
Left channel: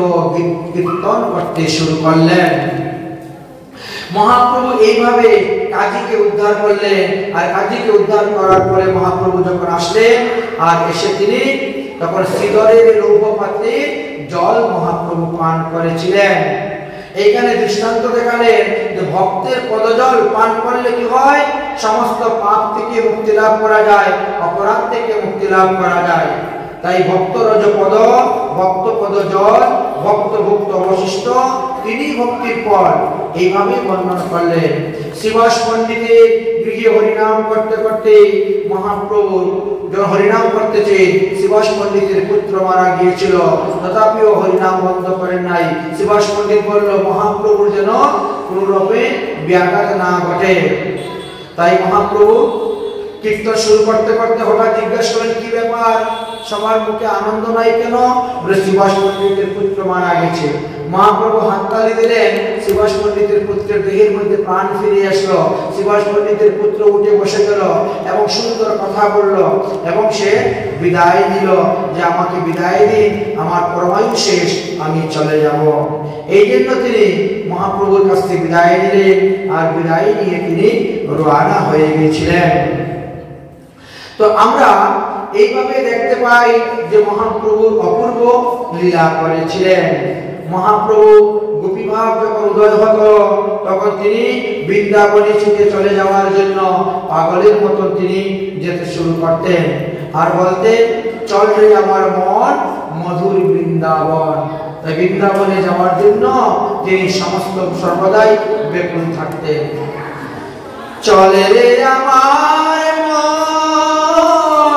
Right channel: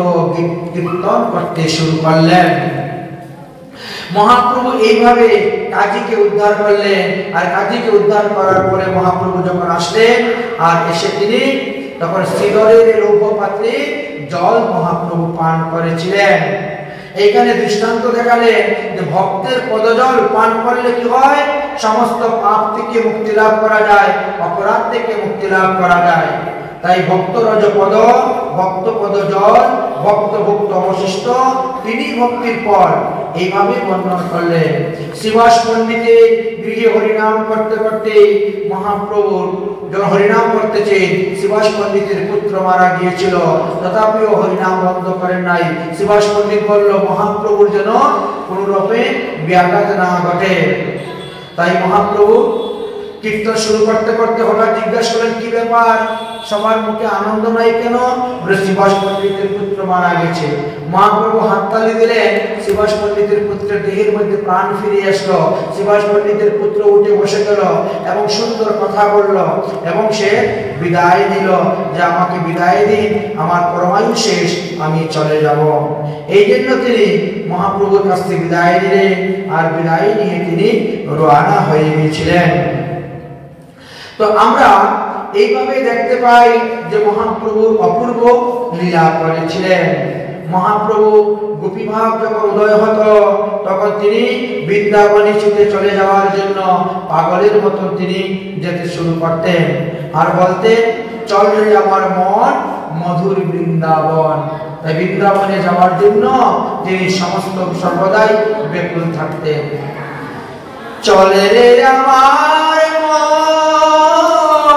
কীর্তন করতে শুরু করলেন। মহাপ্রভু এইভাবে কাজীকে উদ্ধার করলেন। আর কাজীকে উদ্ধার করার পরে মহাপ্রভু যখন আসলেন, আর এসে তিনি তখন সিদরের লৌহ পাত্রে জল মহাপ্রভু পান করেছিলেন। এইখানে দৃষ্টান্ত দেখালেন যে ভক্তের পদজল পান করলে কি হয়? সমস্ত পাপ থেকে মুক্তি লাভ করা যায়, অপরাধ থেকে মুক্তি লাভ করা যায়। তাই ভক্ত রজপদ, ভক্ত পদ জল, ভক্ত ভক্ত অবশিষ্ট, তিনি ভক্তির ফল, এইভাবে বর্ণনা করলেন। শ্রীবাস পণ্ডিতের গৃহে হরিনাম করতে করতে মহাপ্রভু যখন হরিনাম করতেছে, শ্রীবাস পণ্ডিতের পুত্র মারা গিয়েছিল, তথাপিও হরিনাম বন্ধ করেন নাই। শ্রীবাস পণ্ডিত বলল মহাপ্রভুর যেন কোনো রূপে ব্যাঘাত না ঘটে। তাই মহাপ্রভু কীর্তন শুরু করতে করতে হঠাৎ জিজ্ঞাসা করলেন, কি ব্যাপার, সবার মুখে আনন্দ নাই কেন? বলে শ্রীবাস পণ্ডিতের পুত্র মারা গেছে। মহাপ্রভু হাততালি দিলেন, শ্রীবাস পণ্ডিতের পুত্রের দেহের মধ্যে প্রাণ ফিরে আসলো। শ্রীবাস পণ্ডিতের পুত্র উঠে বসে গেল এবং সুন্দর কথা বলল এবং সে বিদায় দিল যে আমাকে বিদায় দিন, আমার পরমায়ু শেষ, আমি চলে যাব। এই জন্য তিনি মহাপ্রভুর কাছ থেকে বিদায় দিলেন। আর বিদায় নিয়ে তিনি রওনা হয়ে গিয়েছিলেন। তো আমরা এইভাবে দেখতে পাই যে মহাপ্রভু অপূর্ব লীলা করেছিলেন। মহাপ্রভু গোপীভাব যখন উদয় হতো, তখন তিনি বৃন্দাবনে ছুটে চলে যাওয়ার জন্য পাগলের মতো তিনি যেতে শুরু করতেন আর বলতেন, চল রে আমার মন মধুর বৃন্দাবন। তাই বৃন্দাবনে যাওয়ার জন্য তিনি সমস্ত সর্বদাই ব্যাকুল থাকতেন। চলে রে আমার মন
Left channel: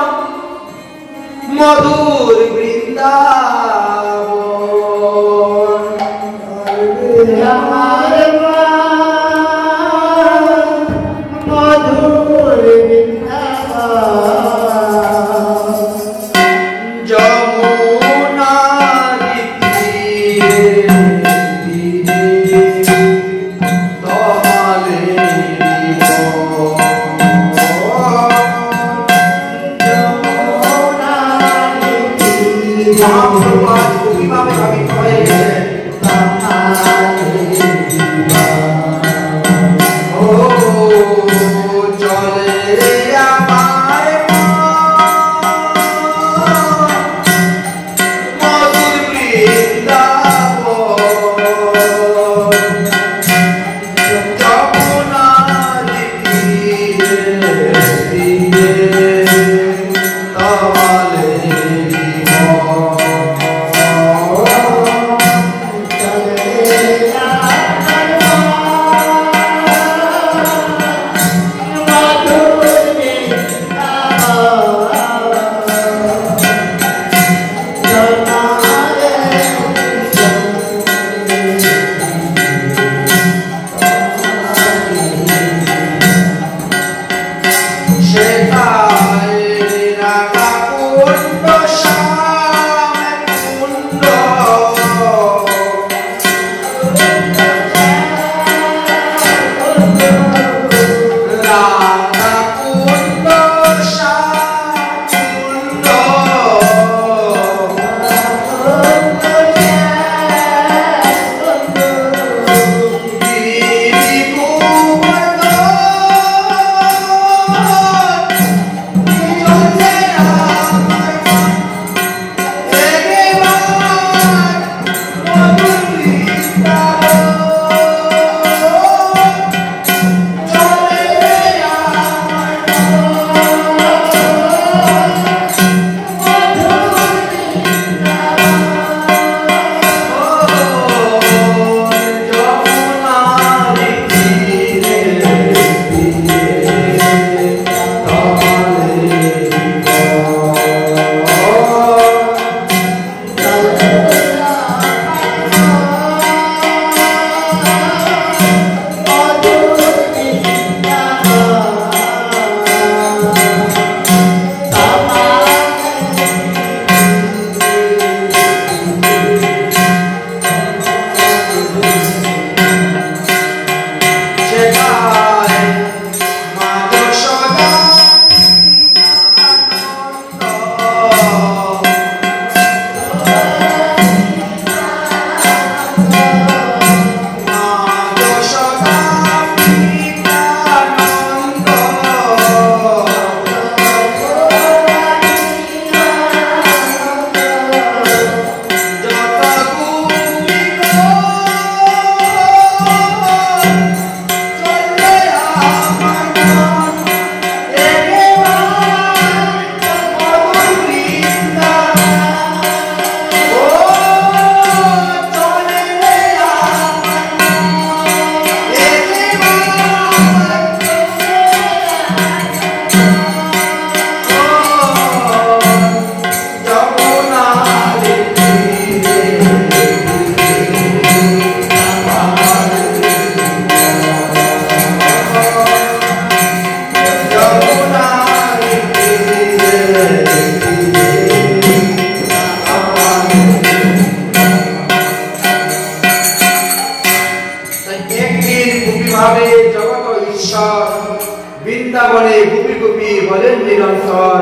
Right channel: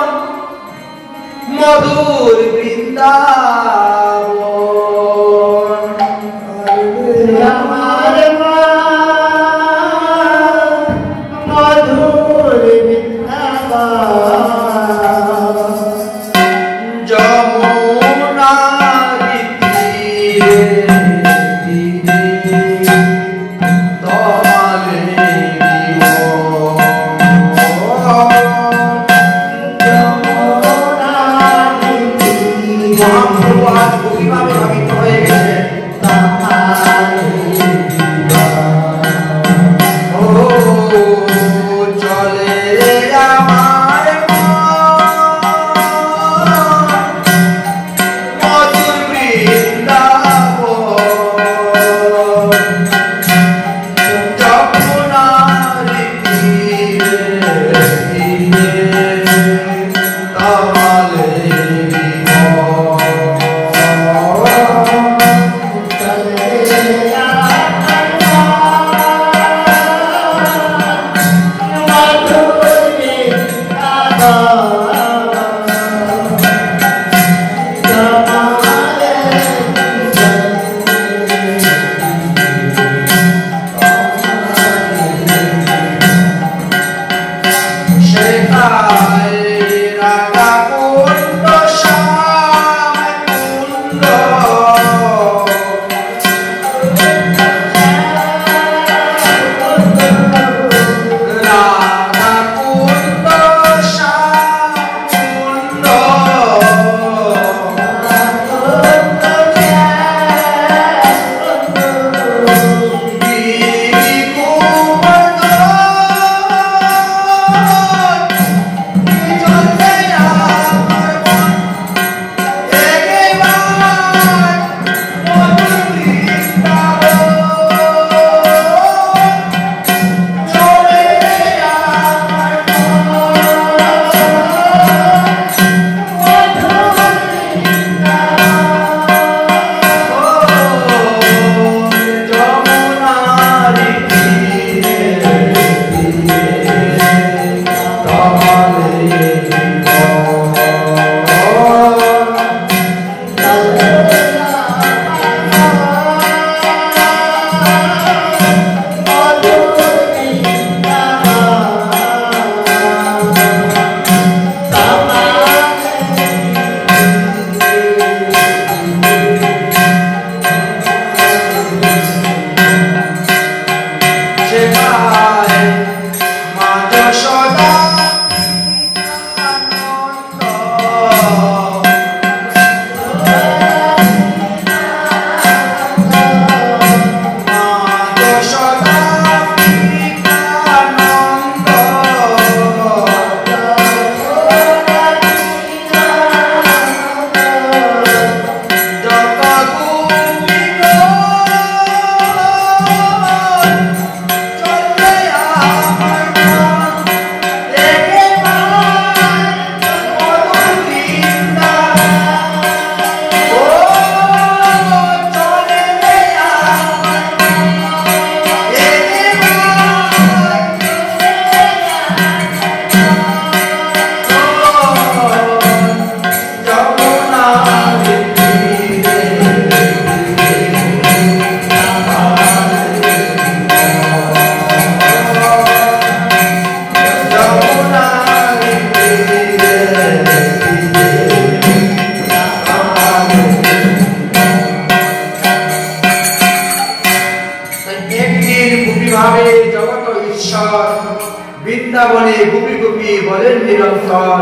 বৃন্দাবনে গুপি গুপি বলেন নিরন্তর।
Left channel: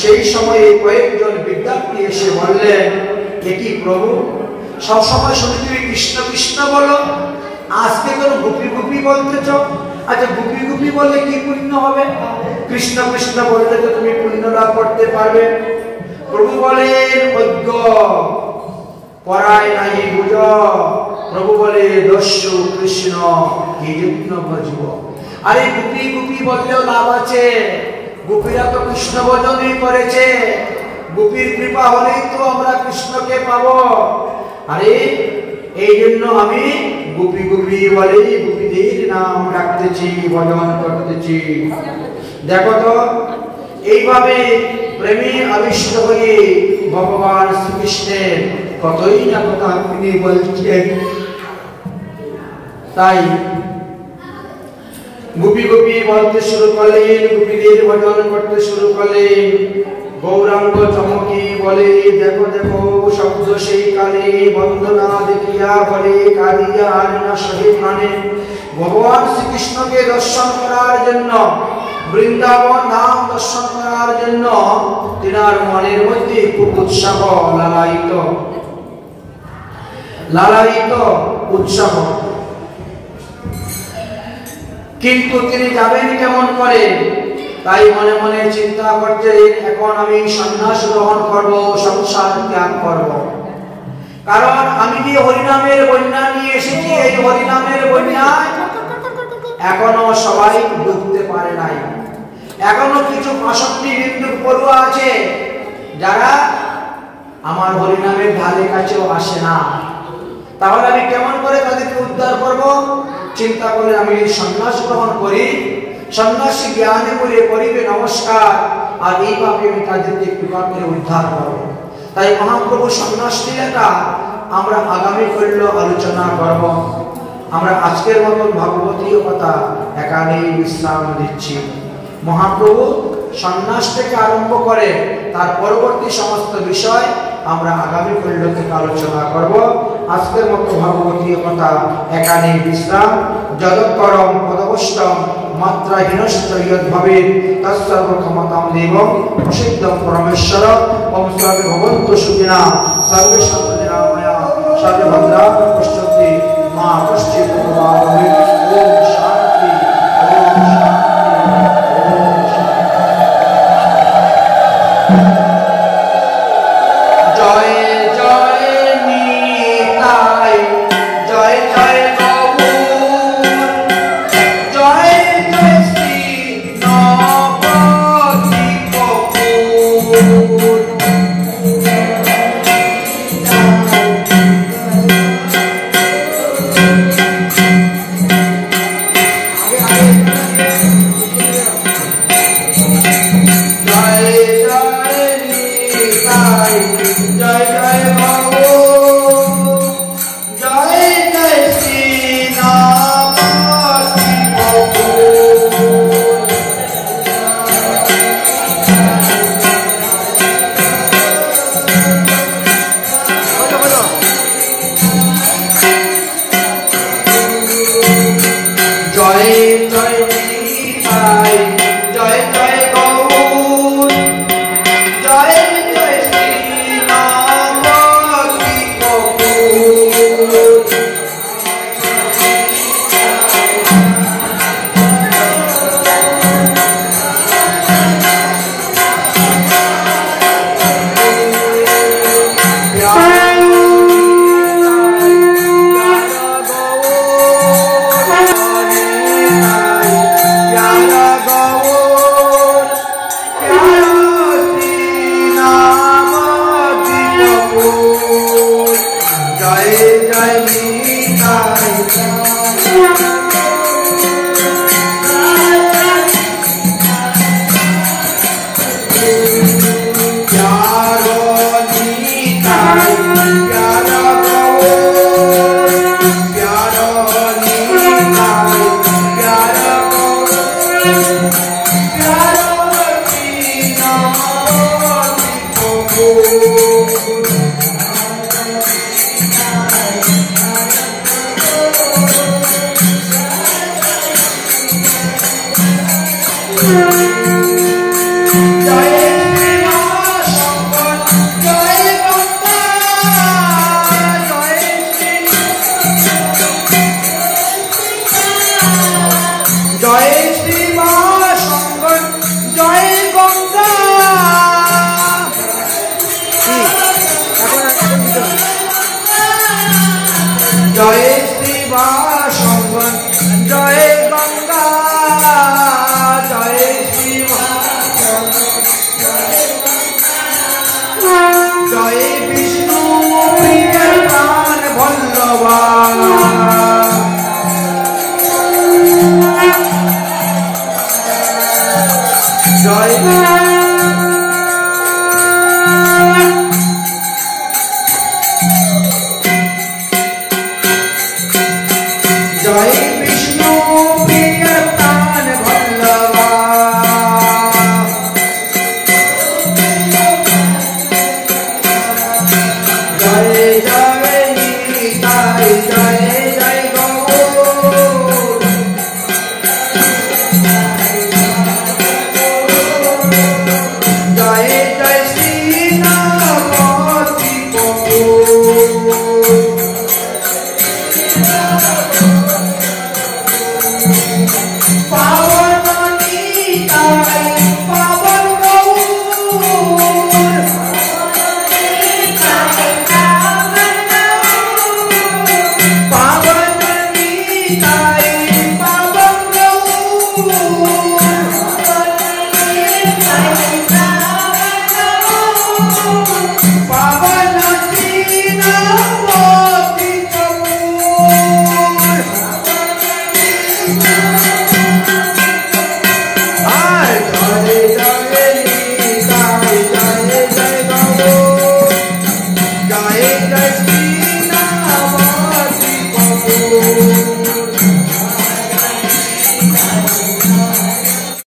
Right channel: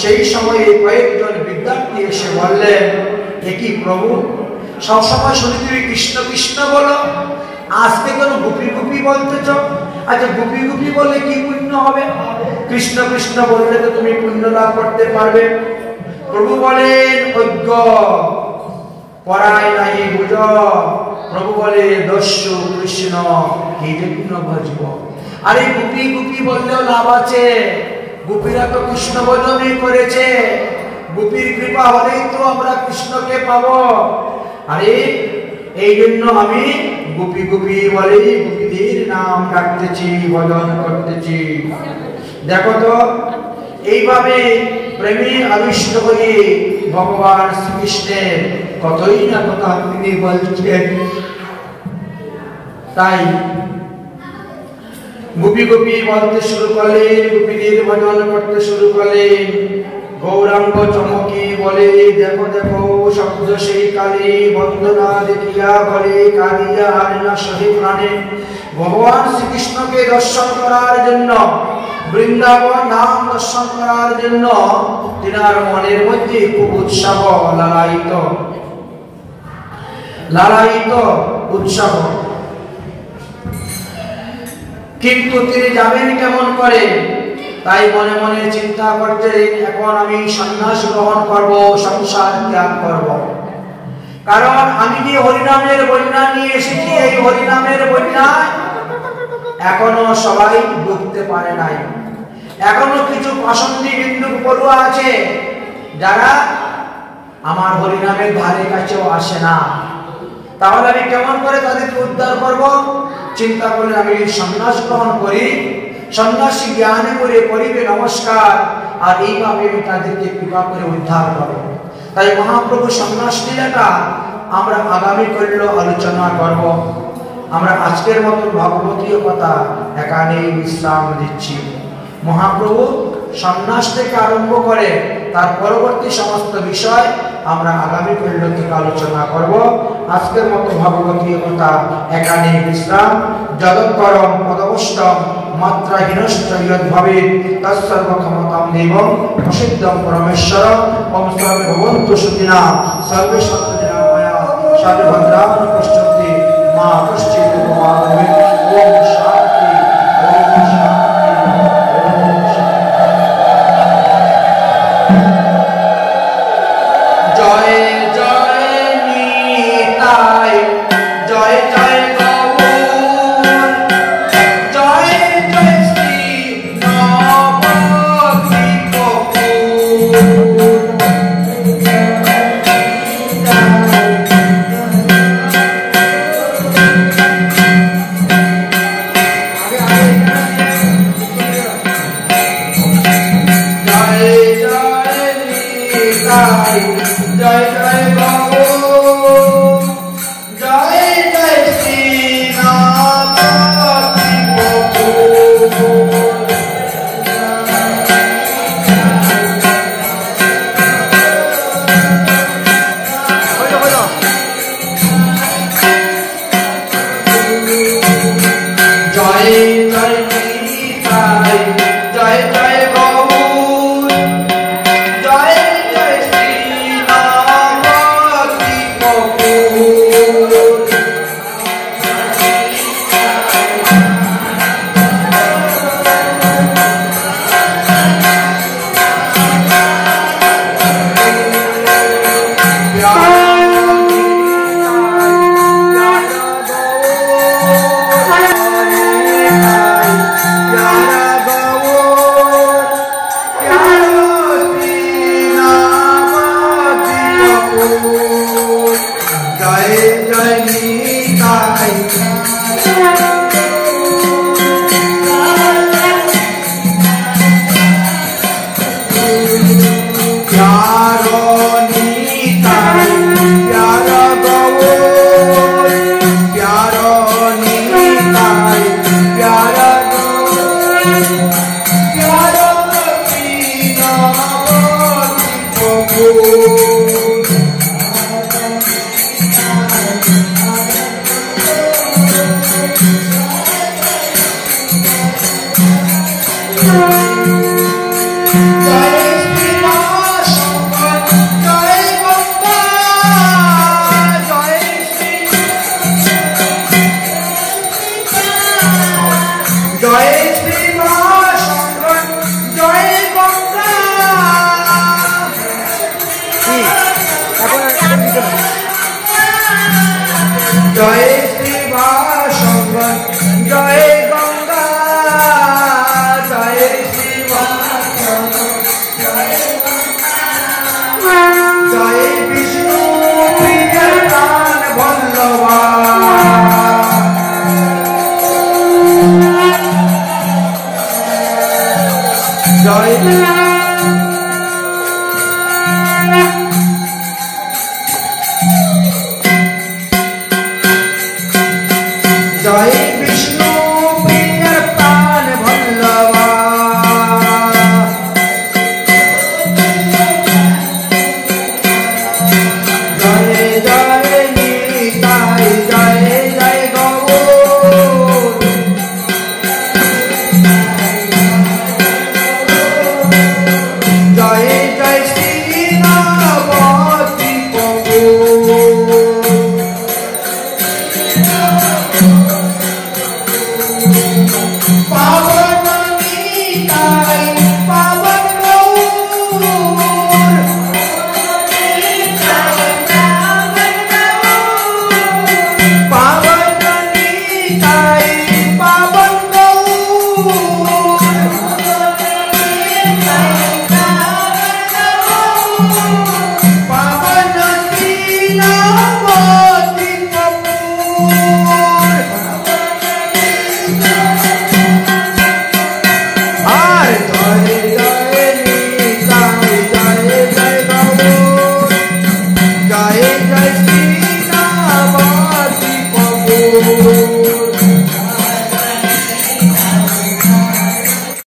সেই সময়ে কয়েকজন বিদ্যার্থী এসে বললেন, এ কি প্রভু, সবসময় শুনি তুমি কৃষ্ণ কৃষ্ণ বলো, আজকে তোর গুপি গুপি বলতেছ। আচ্ছা গুপি গুপি বললে কি পুণ্য হবে? কৃষ্ণ কৃষ্ণ বললে তো তুমি পুণ্য লাভ করতে পারবে। প্রভু বলেন, অজ্ঞ পরায় নাই বুঝ। প্রভু বলে, দস্যু কৃষ্ণ কি যজ্ঞ ভজব। আরে গুপি গুপি বললেও লাভ আছে, গোপীরা তো কৃষ্ণ ভজনই করেছে, গোপীর কৃপা হলেই তো আমরা কৃষ্ণকে পাবো। আরে এই জন্য আমি গুপি গুপি বলেই গোপীদের নাম রাখতেছি, ভজন করতেছি। দেখো তো এইভাবে প্রেমী আবিষ্ট হয়ে ভগবান শ্রীকৃষ্ণের কতই না কথা তিনি বলছেন। তাই গোপী গোপী বলতে শুরু করলেন, গোপীদের ভজন করতে শুরু করলেন। গৌরাঙ্গ চমকি বলে, দেখো দেখো শব্দ সেই কালে, বন্দনা দেখিয়া বলে কাঁদিয়া আর না সহে প্রাণে। ভগবান শ্রীকৃষ্ণকে দর্শন করার জন্য, বৃন্দাবন নাম দর্শন করার জন্য তিনার মনের মধ্যে খুব উৎসাহ, লালায়িত লালায়িত উৎসাহ। কিন্তু তিনি যাবেন কেমন করে? তাই মনে মনে চিন্তা করতেন, এখন আমি সন্ন্যাস গ্রহণ করব, সংসার ত্যাগ করব। কারণ আমি যে হরিনামের বন্যা নিয়ে এসেছি, এই হরিনামের বন্যায় এখনো সবাই ডুবতে পারে নাই। এখনো কিছু পাষণ্ডী বিন্দু পড়ুয়া আছে যারা আমার হরিনামের ধারে কাছেও আসে না। তাহলে আমি কেমন করে তাদেরকে উদ্ধার করব? চিন্তা করে আমি সন্ন্যাস গ্রহণ করি, সন্ন্যাসী জ্ঞানে করে করিবে নমস্কার, আর এইভাবে আমি তাদেরকে কৃপা করে উদ্ধার করব। তাই মহাপ্রভু সন্ন্যাস লীলাটা আমরা আগামী কল্য আলোচনা করব। আমরা আজকের মতো ভাগবতীয় কথা এখানেই বিশ্রাম দিচ্ছি। মহাপ্রভু সন্ন্যাস থেকে আরম্ভ করে তার পরবর্তী সমস্ত বিষয় আমরা আগামী কল্য থেকে আলোচনা করব। আজকের মতো ভাগবতীয় কথা এখানেই বিশ্রাম। যদক্ষরম পদবষ্টম মাত্রাহীনশ্চ ইয়দ্ভাবে তৎসর্বক্ষমতাং দেবং প্রসিদ্ধং পরমেশ্বর। ওম সর্বে ভবন্তু সুখিনঃ, সর্বে সন্তু নিরাময়া, সর্বে ভদ্রাণি পশ্যন্তি, মা কশ্চিৎ দুঃখভাগ্। ওম শান্তি, ওম শান্তি, ওম শান্তি। জয় জয় নিতাই, জয় জয় জয় শ্রী বাসঙ্গন জয় গঙ্গা জয় শ্রী জয় বিষ্ণু প্রিয় প্রাণ বল্লভা জয় জয় বিষ্ণু প্রিয় প্রাণ বল্লভা জয় জয় নিতাই জয় জয় গৌর জয় জয় শ্রী নবতী Jai Jai